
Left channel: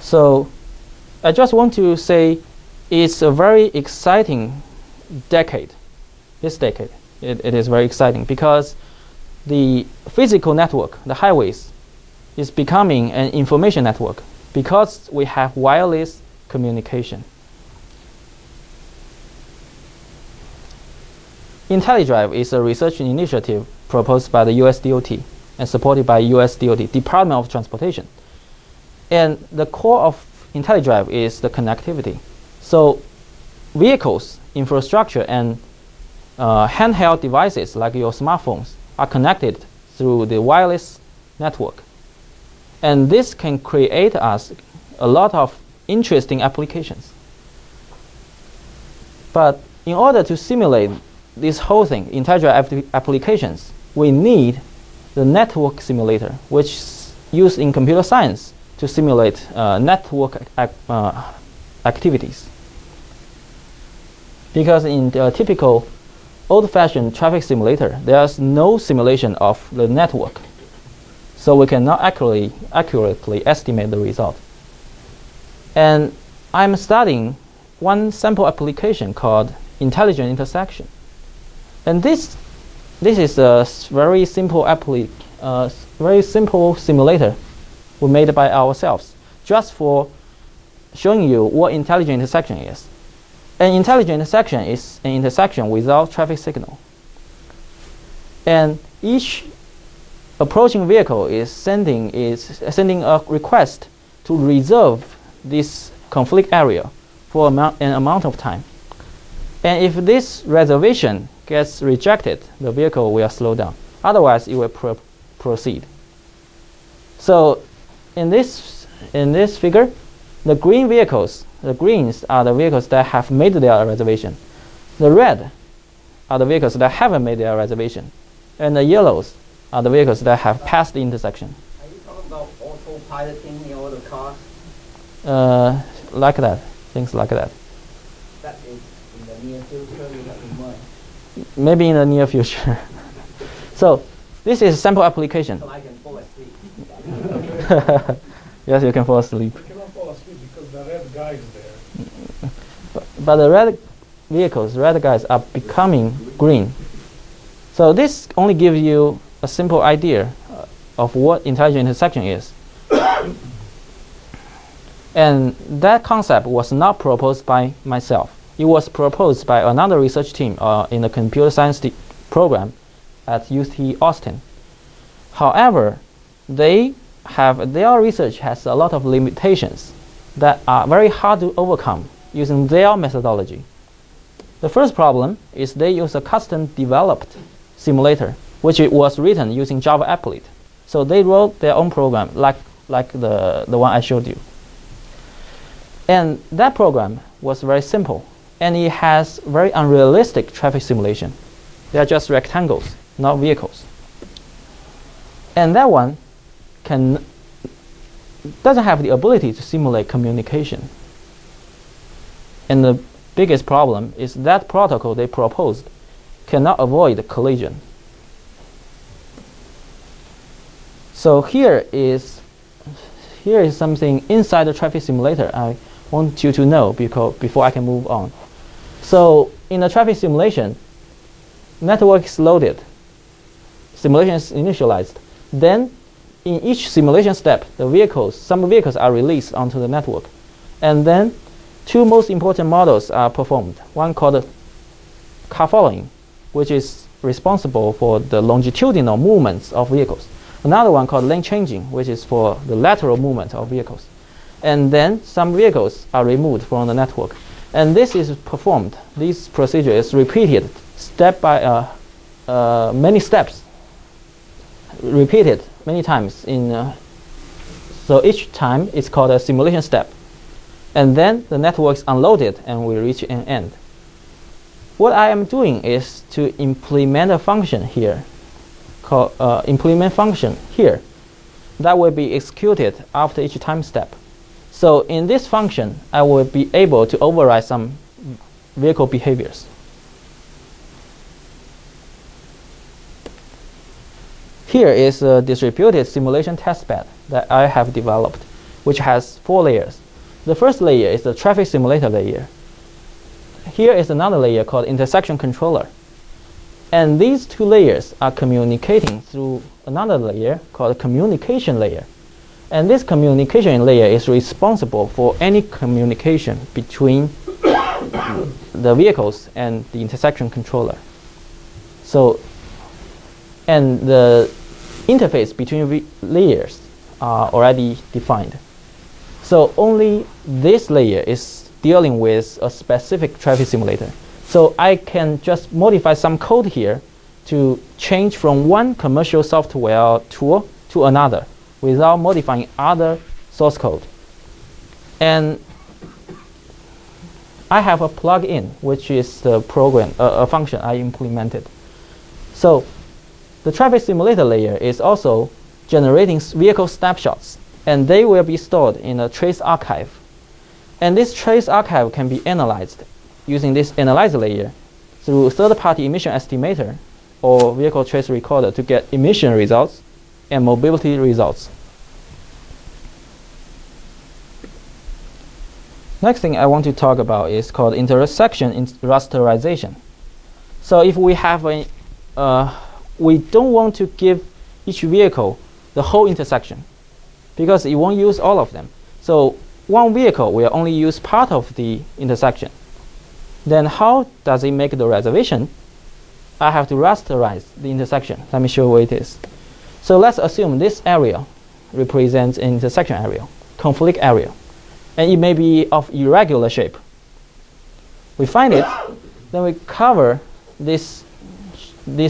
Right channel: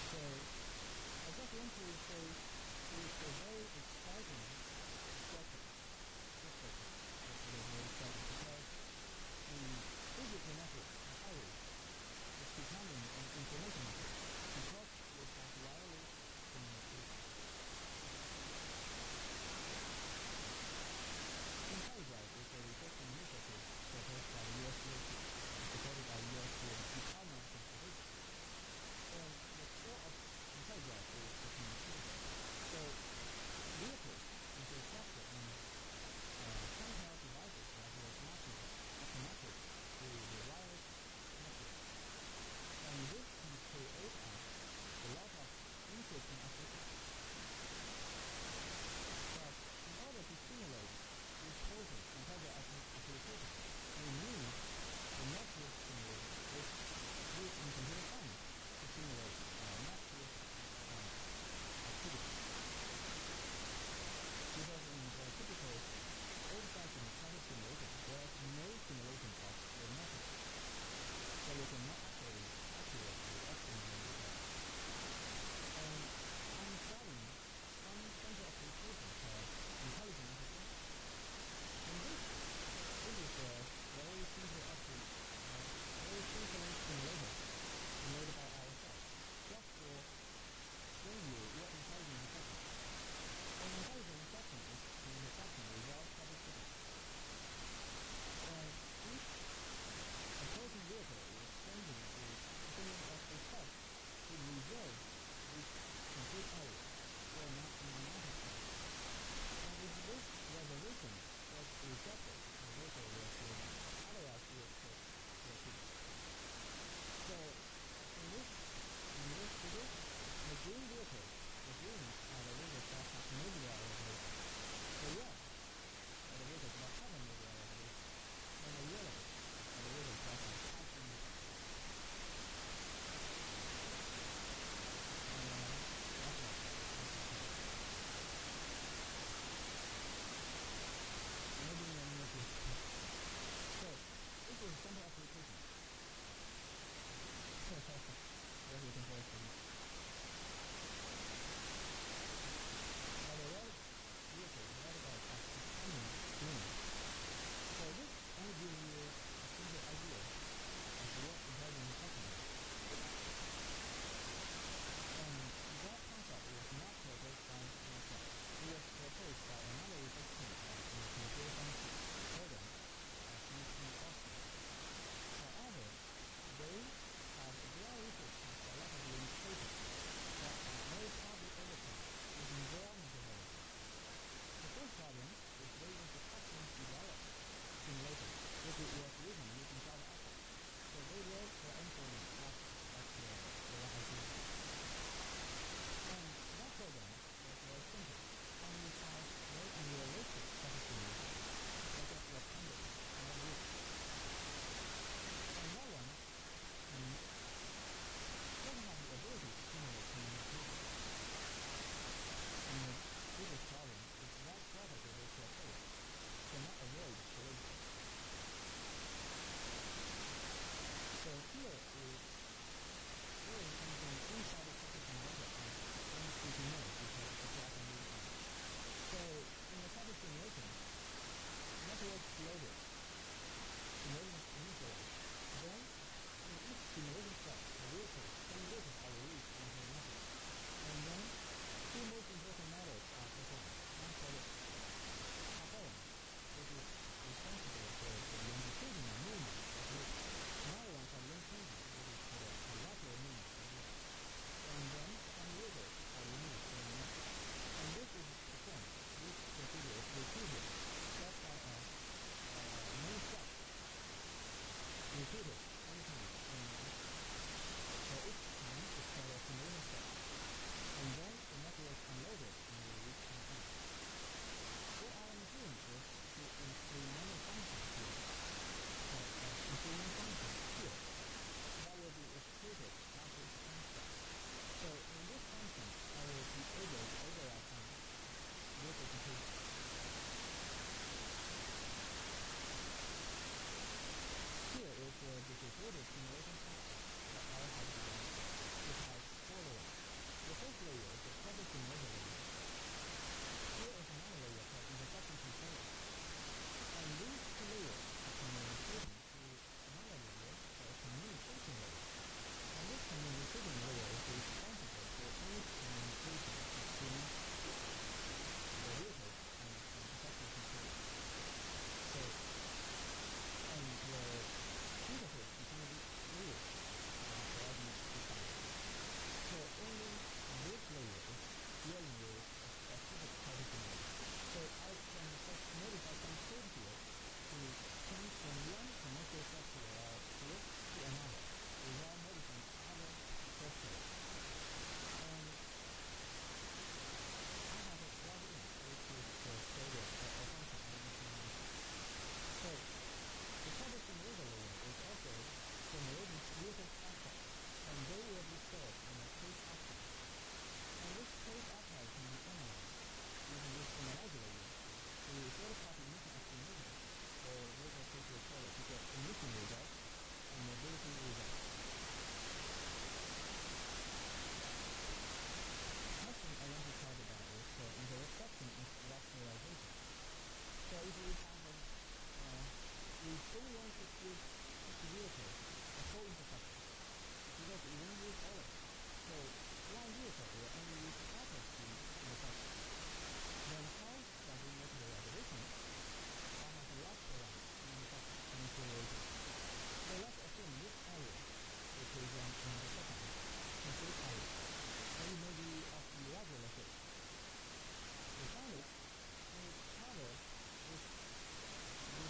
So I just want to say it's a very exciting decade. This decade, it is very exciting because the physical network, the highways, is becoming an information network because we have wireless communication. IntelliDrive is a research initiative proposed by the US DOT and supported by US DOT, Department of Transportation. And the core of IntelliDrive is the connectivity. So vehicles, infrastructure, and handheld devices like your smartphones are connected through the wireless network. And this can create us a lot of interesting applications. But in order to simulate this whole thing, IntelliDrive applications, we need the network simulator, which is used in computer science to simulate network activities. Because in the typical old-fashioned traffic simulator, there's no simulation of the network. So we cannot accurately estimate the result. And I'm studying one sample application called intelligent intersection. And this is a very simple simulator we made by ourselves, just for showing you what intelligent intersection is. An intelligent intersection is an intersection without traffic signal. And each approaching vehicle is sending a request to reserve this conflict area for an amount of time. And if this reservation gets rejected, the vehicle will slow down. Otherwise, it will proceed. So in this figure, the green vehicles, the greens are the vehicles that have made their reservation. The red are the vehicles that haven't made their reservation. And the yellows are the vehicles that have passed the intersection. Are you talking about autopiloting in all the cars? Like that, things like that. That is in the near future, you have in mind. Maybe in the near future. So this is a sample application. So I can fall asleep. Yes, you can fall asleep. You cannot fall asleep because the red guy is there. But the red vehicles, red guys, are becoming green. So this only gives you a simple idea of what intelligent intersection is. And that concept was not proposed by myself. It was proposed by another research team in the computer science program at UT Austin. However, their research has a lot of limitations that are very hard to overcome using their methodology. The first problem is they use a custom developed simulator, which it was written using Java applet. So they wrote their own program like the one I showed you. And that program was very simple, and it has very unrealistic traffic simulation. They are just rectangles, not vehicles. And that one doesn't have the ability to simulate communication. And the biggest problem is that protocol they proposed cannot avoid collision. So here is something inside the traffic simulator I want you to know before I can move on. So in the traffic simulation, network is loaded, simulation is initialized. Then in each simulation step, some vehicles are released onto the network. And then two most important models are performed. One called car following, which is responsible for the longitudinal movements of vehicles. Another one called lane changing, which is for the lateral movement of vehicles. And then some vehicles are removed from the network. And this is performed, this procedure is repeated step by many steps, repeated many times. So each time it's called a simulation step. And then the network is unloaded and we reach an end. What I am doing is to implement a function here, called implement function here, that will be executed after each time step. So in this function, I will be able to override some vehicle behaviors. Here is a distributed simulation testbed that I have developed, which has 4 layers. The first layer is the traffic simulator layer. Here is another layer called intersection controller. And these 2 layers are communicating through another layer called communication layer. And this communication layer is responsible for any communication between the vehicles and the intersection controller. So, and the interface between layers are already defined. So only this layer is dealing with a specific traffic simulator. So I can just modify some code here to change from one commercial software tool to another without modifying other source code. And I have a plugin, which is the program, a function I implemented. So the traffic simulator layer is also generating vehicle snapshots, and they will be stored in a trace archive. And this trace archive can be analyzed using this analyzer layer through third-party emission estimator or vehicle trace recorder to get emission results and mobility results. Next thing I want to talk about is called intersection rasterization. So if we have a, we don't want to give each vehicle the whole intersection because it won't use all of them. So one vehicle will only use part of the intersection. Then how does it make the reservation? I have to rasterize the intersection. Let me show you what it is. So let's assume this area represents an intersection area, conflict area. And it may be of irregular shape. We find it, then we cover this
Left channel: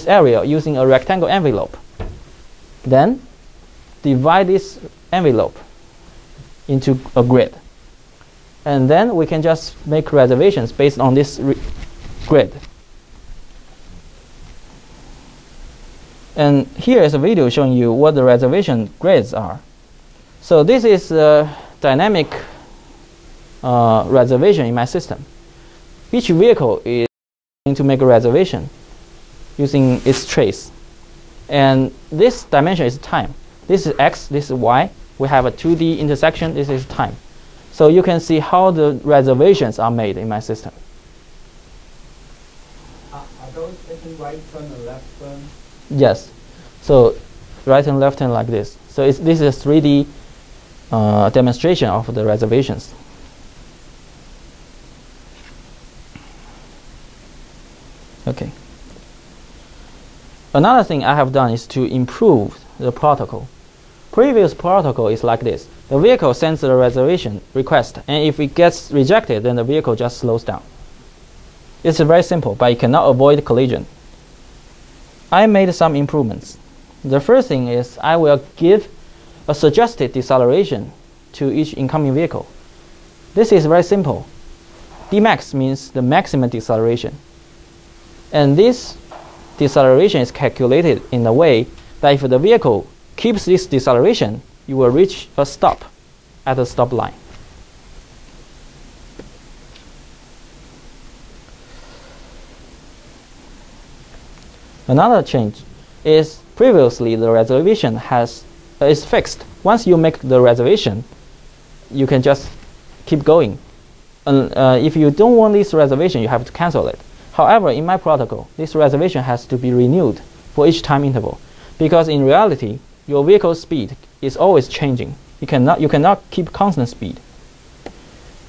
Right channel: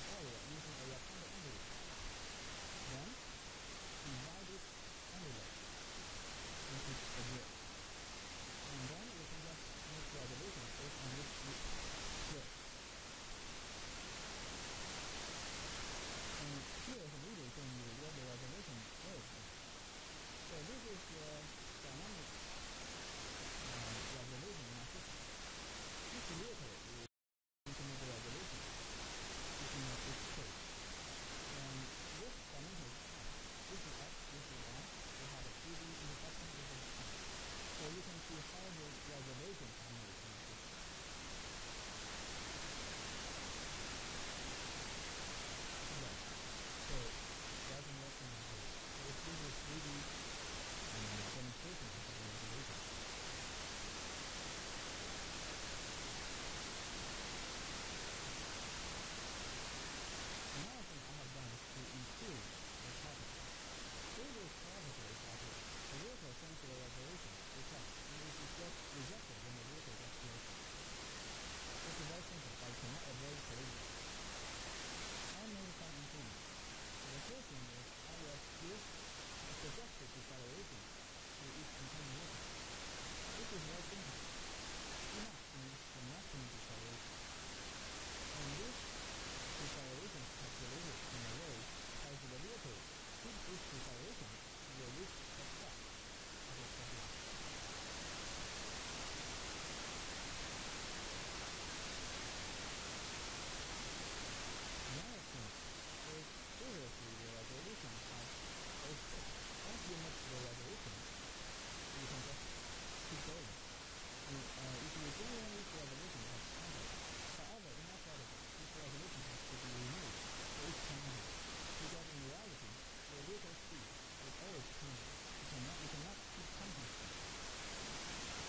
area using a rectangle envelope. Then divide this envelope into a grid. And then we can just make reservations based on this grid. And here is a video showing you what the reservation grids are. So this is a dynamic reservation in my system. Each vehicle is going to make a reservation using its trace. And this dimension is time. This is x, this is y. We have a 2D intersection, this is time. So you can see how the reservations are made in my system. Are those taking right turn and left turn? Yes. So right and left turn like this. So this is a 3D demonstration of the reservations. Okay. Another thing I have done is to improve the protocol. Previous protocol is like this. The vehicle sends the reservation request, and if it gets rejected, then the vehicle just slows down. It's very simple, but it cannot avoid collision. I made some improvements. The first thing is I will give a suggested deceleration to each incoming vehicle. This is very simple. Dmax means the maximum deceleration. And this deceleration is calculated in a way that if the vehicle keeps this deceleration, you will reach a stop at the stop line. Another change is previously the reservation is fixed. Once you make the reservation, you can just keep going. If you don't want this reservation, you have to cancel it. However, in my protocol, this reservation has to be renewed for each time interval, because in reality, your vehicle speed is always changing. You cannot keep constant speed.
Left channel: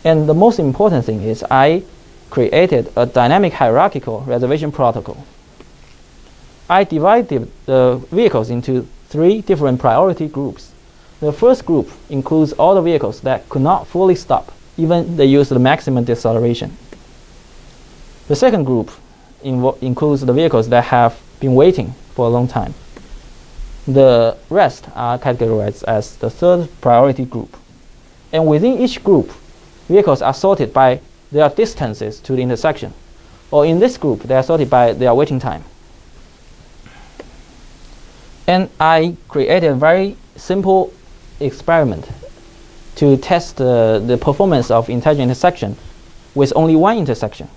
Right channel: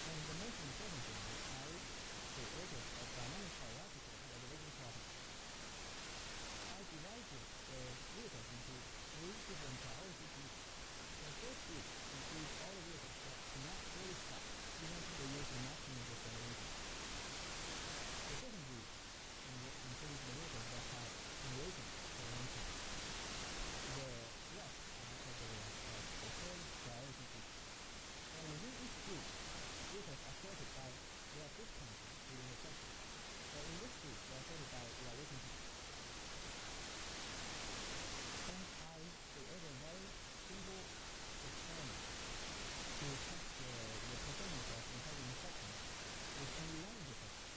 And the most important thing is I created a dynamic hierarchical reservation protocol. I divided the vehicles into 3 different priority groups. The first group includes all the vehicles that could not fully stop, even they use the maximum deceleration. The second group includes the vehicles that have been waiting for a long time. The rest are categorized as the third priority group. And within each group, vehicles are sorted by their distances to the intersection. Or in this group, they are sorted by their waiting time. And I created a very simple experiment to test the performance of intelligent intersection with only one intersection.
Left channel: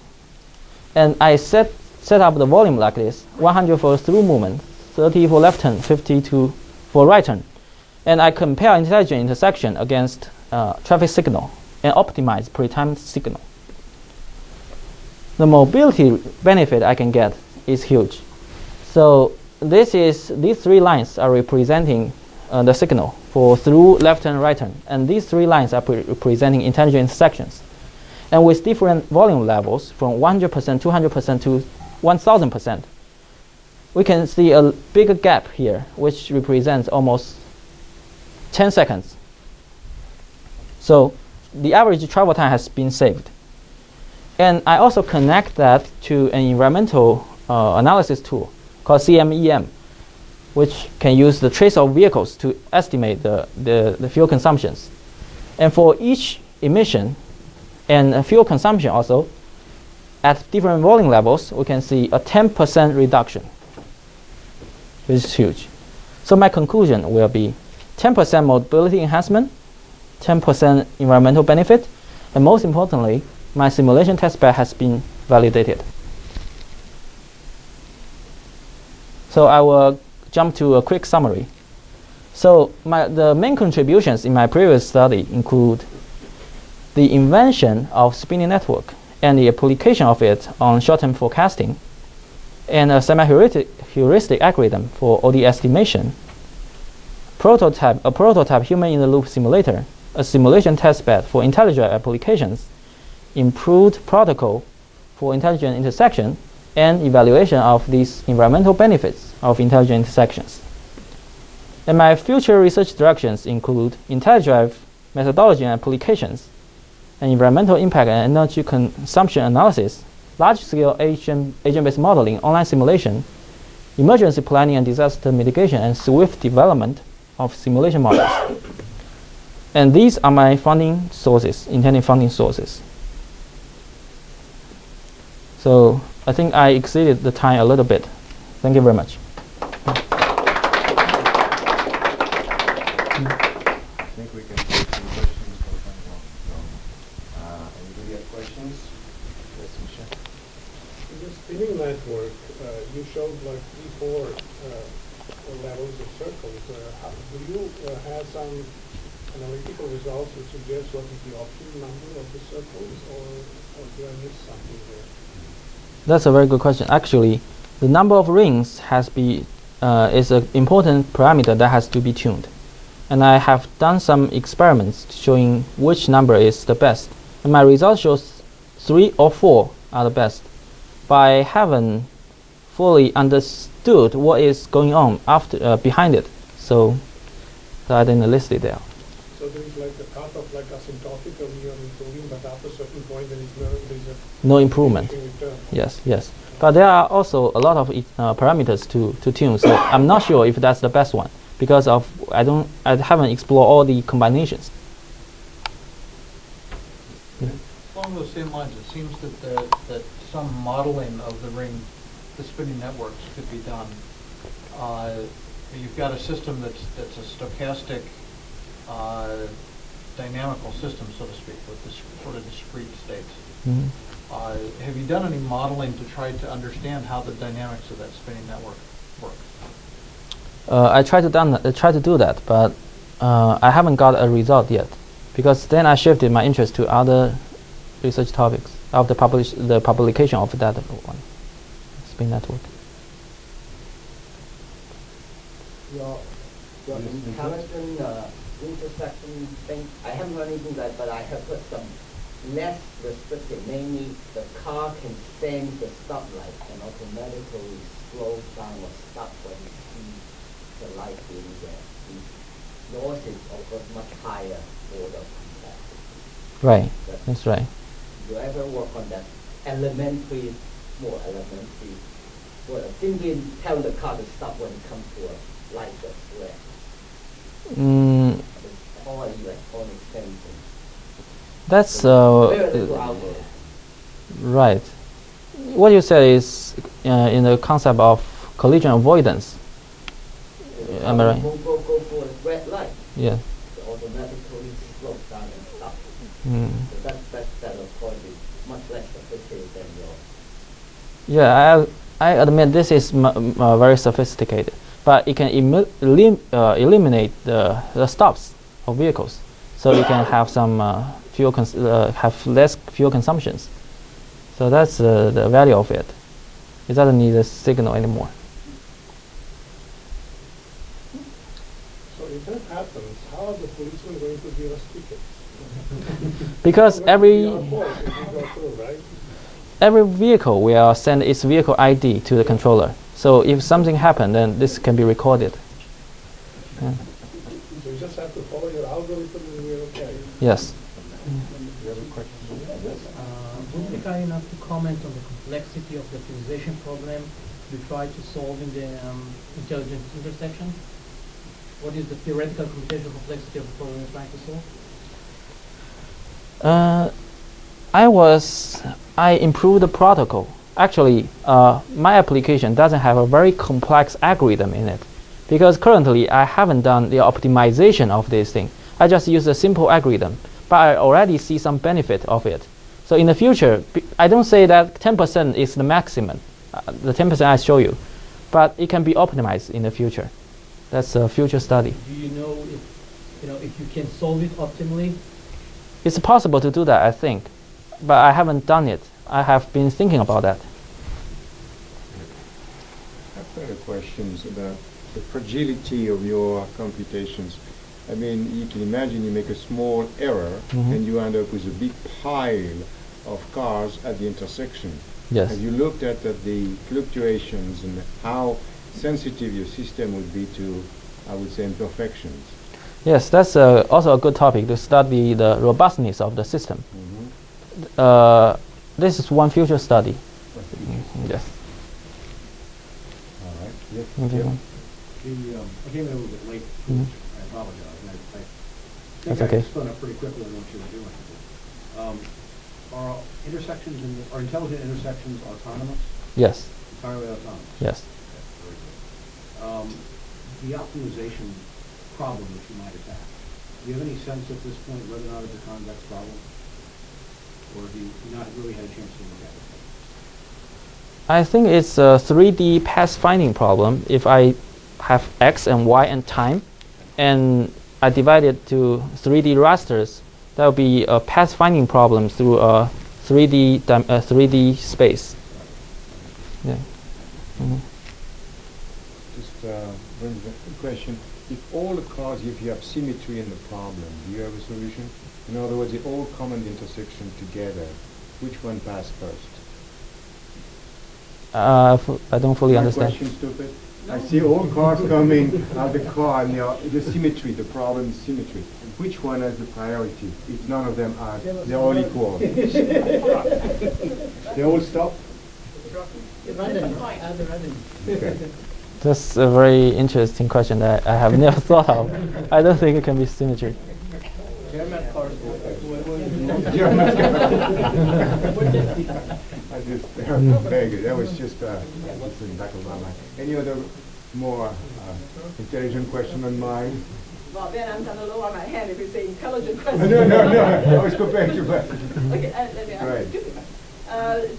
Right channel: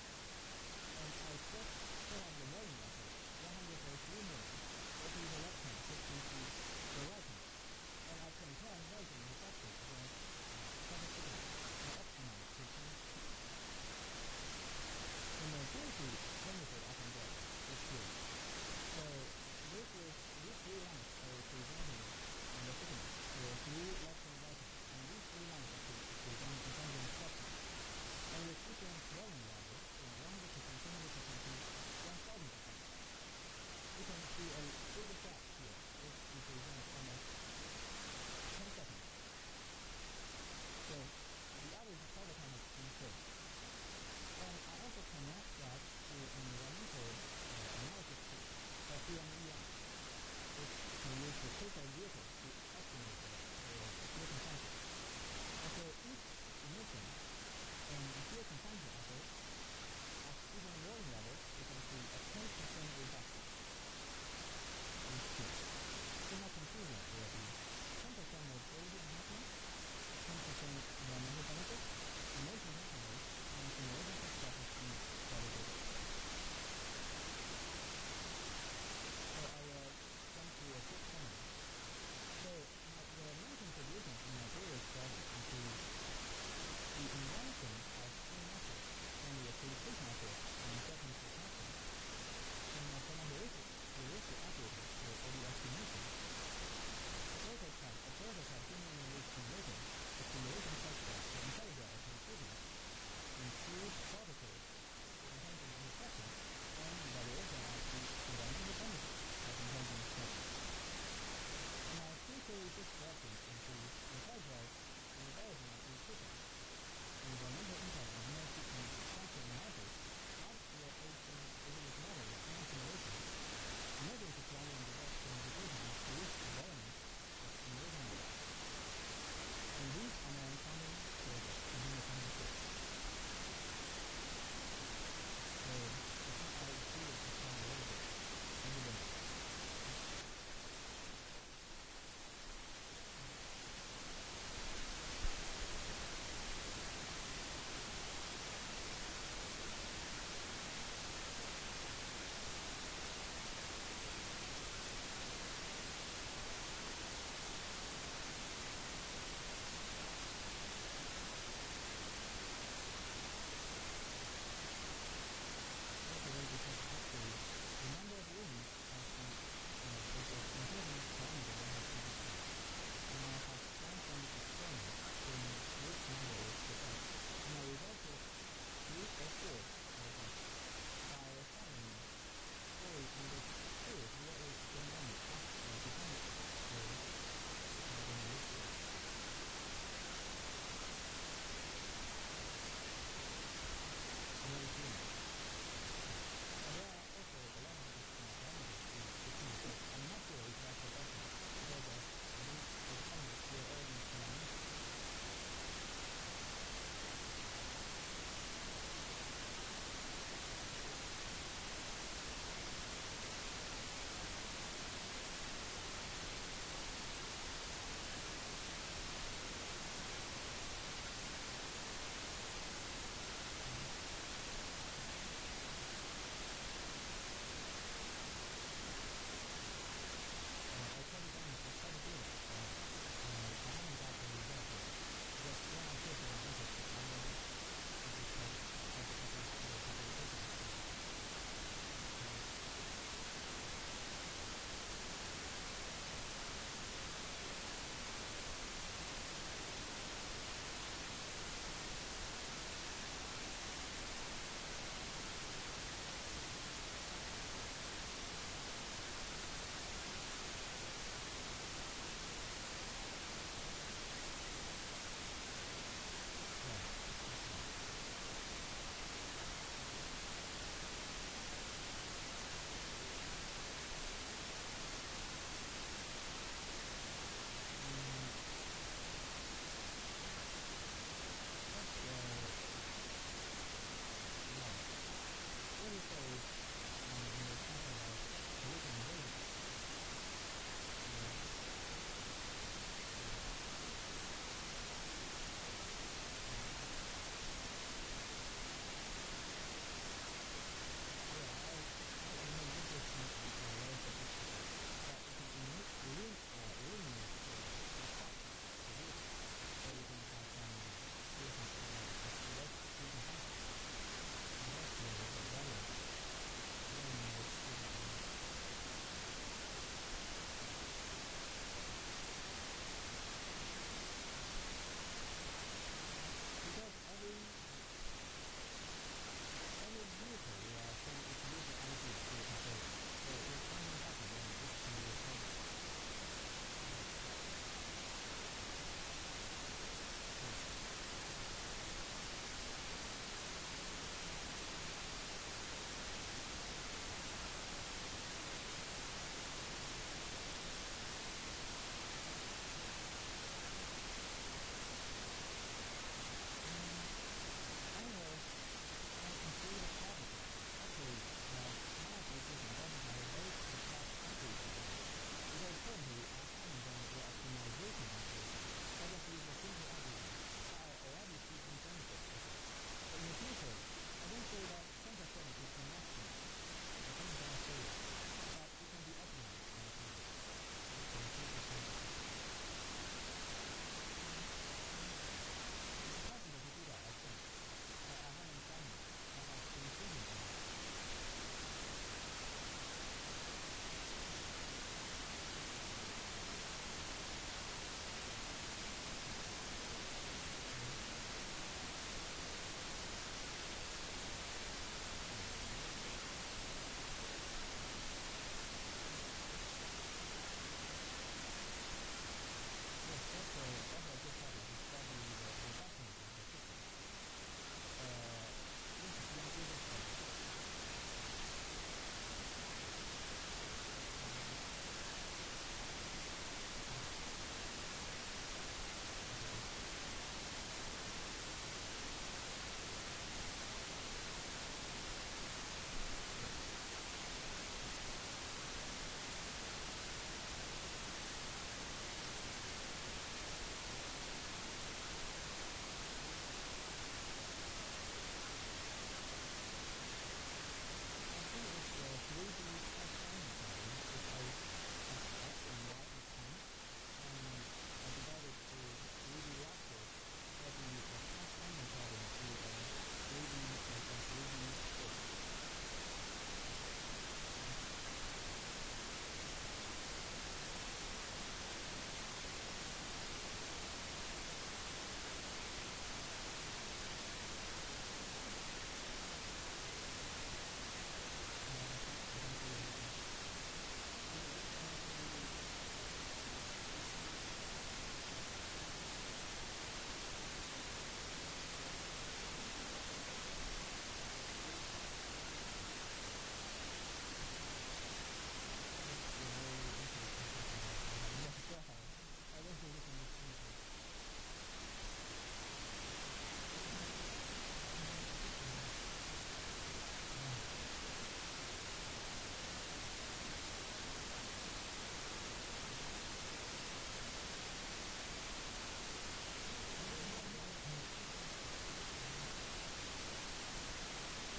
And I set up the volume like this: 100 for through movement, 30 for left turn, 50 for right turn. And I compare intelligent intersection against traffic signal and optimize pre-timed signal. The mobility benefit I can get is huge. So these three lines are representing the signal for through, left turn, right turn. And these three lines are representing intelligent intersections. And with different volume levels from 100%, 200% to 1000%, we can see a bigger gap here, which represents almost 10 seconds. So the average travel time has been saved. And I also connect that to an environmental analysis tool called CMEM, which can use the trace of vehicles to estimate the fuel consumptions. And for each emission and fuel consumption also, at different volume levels, we can see a 10% reduction, which is huge. So my conclusion will be 10% mobility enhancement, 10% environmental benefit, and most importantly, my simulation testbed has been validated. So I will jump to a quick summary. So the main contributions in my previous study include the invention of spinning network and the application of it on short-term forecasting, and a semi-heuristic algorithm for ODE estimation, a prototype human-in-the-loop simulator, a simulation testbed for IntelliDrive applications, improved protocol for intelligent intersection, and evaluation of these environmental benefits of intelligent intersections. And my future research directions include IntelliDrive methodology and applications, and environmental impact and energy consumption analysis, large-scale agent-based modeling, online simulation, emergency planning and disaster mitigation, and swift development of simulation models. And these are my funding sources, intended funding sources. So I think I exceeded the time a little bit. Thank you very much. I think we can take some questions for anybody have questions? Yes, Shan. In the spinning network, you showed like 3-4 levels of circles. Do you have some analytical results which suggest what is the optimal number of the circles, or did I miss something there? That's a very good question. Actually, the number of rings is an important parameter that has to be tuned. And I have done some experiments showing which number is the best. And my result shows 3 or 4 are the best. But I haven't fully understood what is going on behind it. So I didn't list it there. So there is like a cut of like asymptotic, and you are improving, but after a certain point there is no improvement. Yes, yes. But there are also a lot of parameters to tune. So I'm not sure if that's the best one because of I haven't explored all the combinations. Along those same lines, it seems that some modeling of the spinning networks could be done. You've got a system that's a stochastic dynamical system, so to speak, with this sort of discrete states. Mm-hmm. Have you done any modeling to try to understand how the dynamics of that spinning network work? I tried to do that, but I haven't got a result yet, because then I shifted my interest to other research topics of the publication of that one, spin network. Your intelligent intersection thing, I haven't heard anything like, but I have heard some less restricted, namely the car can sense the stoplight and automatically slow down or stop when it sees the light being there. Yours is of course much higher order complexity. Right, that's right. Do you ever work on that elementary, more elementary, well, simply tell the car to stop when it comes to a light that's red? It's all electronic sensing. That's Theoretical algorithm. right. What you said is in the concept of collision avoidance. Am I right? Go for a red light. Yeah. So automatically slow down and stop. Mm. So that of course is much less sophisticated than your. Yeah, I admit this is very sophisticated, but it can eliminate the stops of vehicles, so you can have some have less fuel consumptions. So that's the value of it. It doesn't need a signal anymore. So if that happens, how are the policemen going to give us tickets? Because every Our fault if we go through, right? every vehicle will send its vehicle ID to the controller. So if something happened, then this can be recorded. Yeah. So you just have to follow your algorithm and you're okay. Yes. Would you be kind enough to comment on the complexity of the optimization problem you try to solve in the intelligence intersection? What is the theoretical computational complexity of the problem you're trying to solve? I improved the protocol. Actually, my application doesn't have a very complex algorithm in it, because currently I haven't done the optimization of this thing. I just use a simple algorithm, but I already see some benefit of it. So in the future, I don't say that 10% is the maximum, the 10% I show you, but it can be optimized in the future. That's a future study. Do you know if you can solve it optimally? It's possible to do that, I think, but I haven't done it. I have been thinking about that. I've got questions about the fragility of your computations. I mean, you can imagine you make a small error and you end up with a big pile of cars at the intersection. Yes. Have you looked at the fluctuations and how sensitive your system would be to, I would say, imperfections? Yes, that's also a good topic to study the robustness of the system. This is one future study. Yes. All right. Yes. Thank you. I came in a little bit late. Mhm. I apologize. I That's think okay. I spun up pretty quickly on what you were doing. Are intersections are intelligent intersections autonomous? Yes. Entirely autonomous? Yes. Very good. The optimization problem that you might have had, do you have any sense at this point whether or not it's a convex problem? Or have you not really had a chance to look at it? I think it's a 3D path-finding problem. If I have x and y and time, and I divide it to 3D rasters, that will be a path-finding problem through a 3D space. Yeah. Just brings up the question, if all the cars, if you have symmetry in the problem, do you have a solution? In other words, they all come at the intersection together. Which one passed first? I don't fully understand. Question stupid? I see all cars coming out the car and the symmetry, the problem is symmetry. Which one has the priority? If none of them are, they're all equal. They all stop? Okay. That's a very interesting question that I have never thought of. I don't think it can be symmetry. German cars. I just vague. That was just in the back of my mind. Any other more intelligent question on mine? Well, then I'm going to lower my hand if you say intelligent question. No. I was comparing to that. Okay, let me ask you.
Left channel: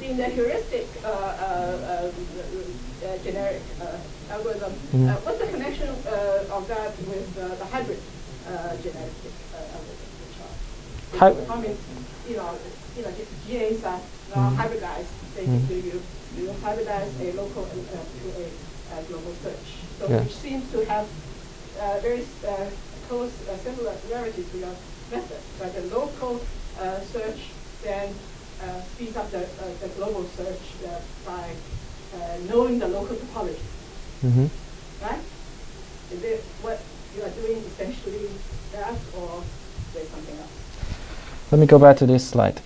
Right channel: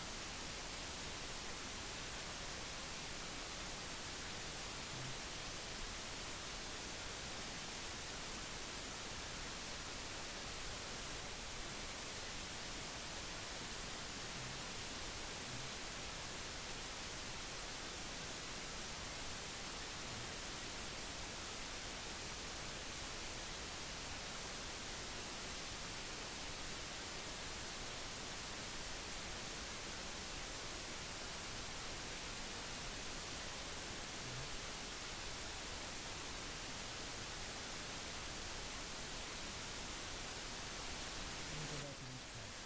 In the heuristic generic algorithm, what's the connection of that with the hybrid generic algorithm? I mean, GAs are hybridized. Basically, you hybridize a local to a global search, so which seems to have very close similarity to the method. But the local search then speeds up the global search by knowing the local topology. Right? Is it what you are doing essentially that, or there's something else? Let me go back to this slide.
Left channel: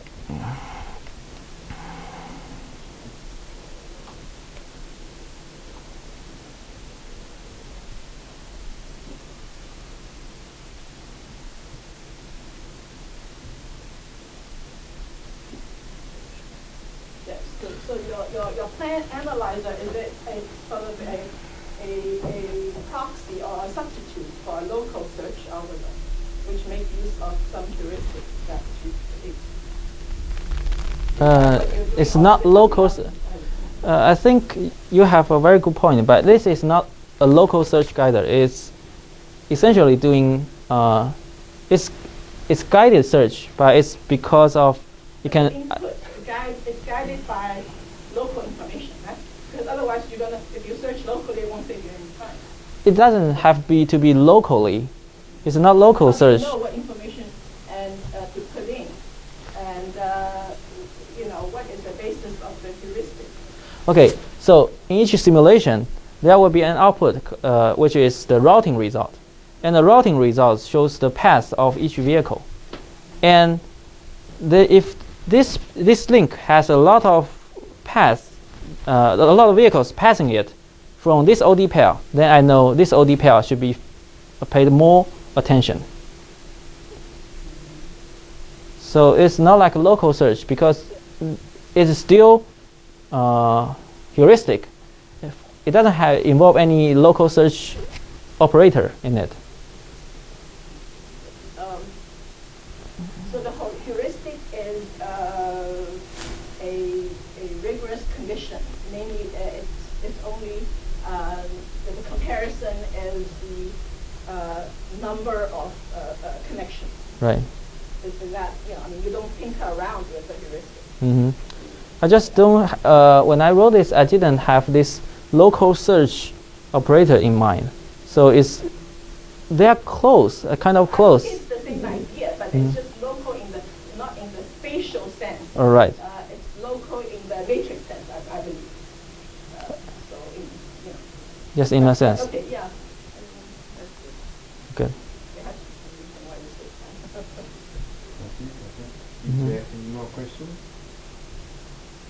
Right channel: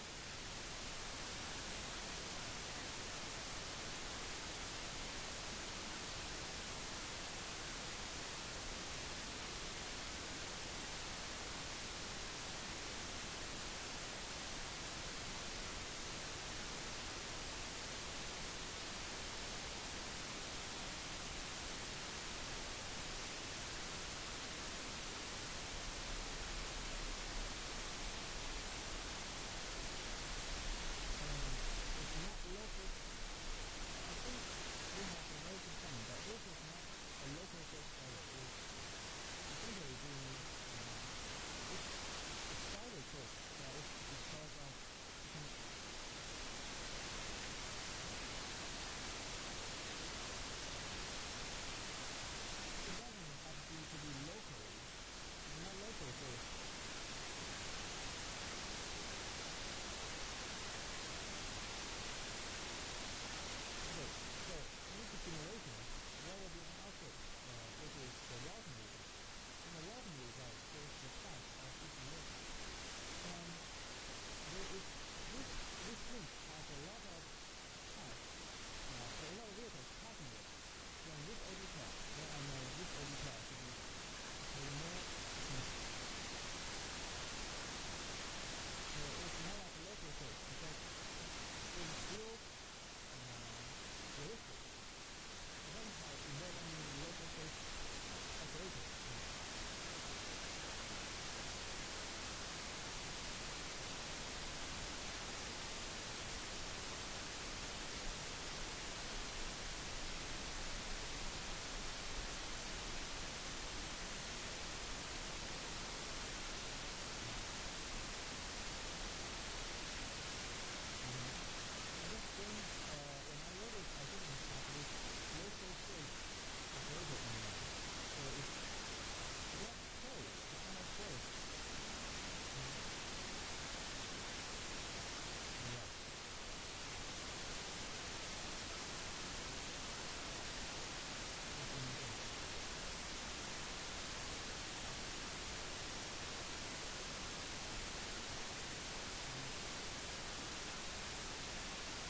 your plan analyzer, is it a sort of a proxy or a substitute for a local search algorithm, which makes use of some heuristics that it's not local. I think you have a very good point, but this is not a local search guider. It's essentially doing it's guided search, but it's because of you can. It's guided by local information, right? Because otherwise, if you search locally, it won't take you any time. It doesn't have to be locally. It's not local search. You know what information and to put in, and what is the basis of the heuristic. Okay, so in each simulation, there will be an output, which is the routing result. And the routing result shows the path of each vehicle. And if this link has a lot of paths, a lot of vehicles passing it from this OD pair, then I know this OD pair should be paid more attention. So it's not like a local search because it's still heuristic. It doesn't involve any local search operator in it. So the whole heuristic is a rigorous condition. Namely, it's only the comparison is the number of connections. Right. Is that you don't tinker around with the heuristic. Mm-hmm. I just don't. When I wrote this, I didn't have this local search operator in mind. So they are close, kind of close. It's the same idea, but it's just local not in the spatial sense. All right. It's local in the matrix sense, I believe. Yes, in a sense. Okay, yeah. Okay. Is there any more questions?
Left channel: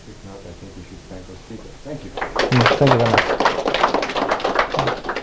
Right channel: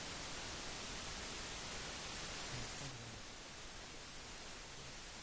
If not, I think we should thank our speaker. Thank you. Thank you very much.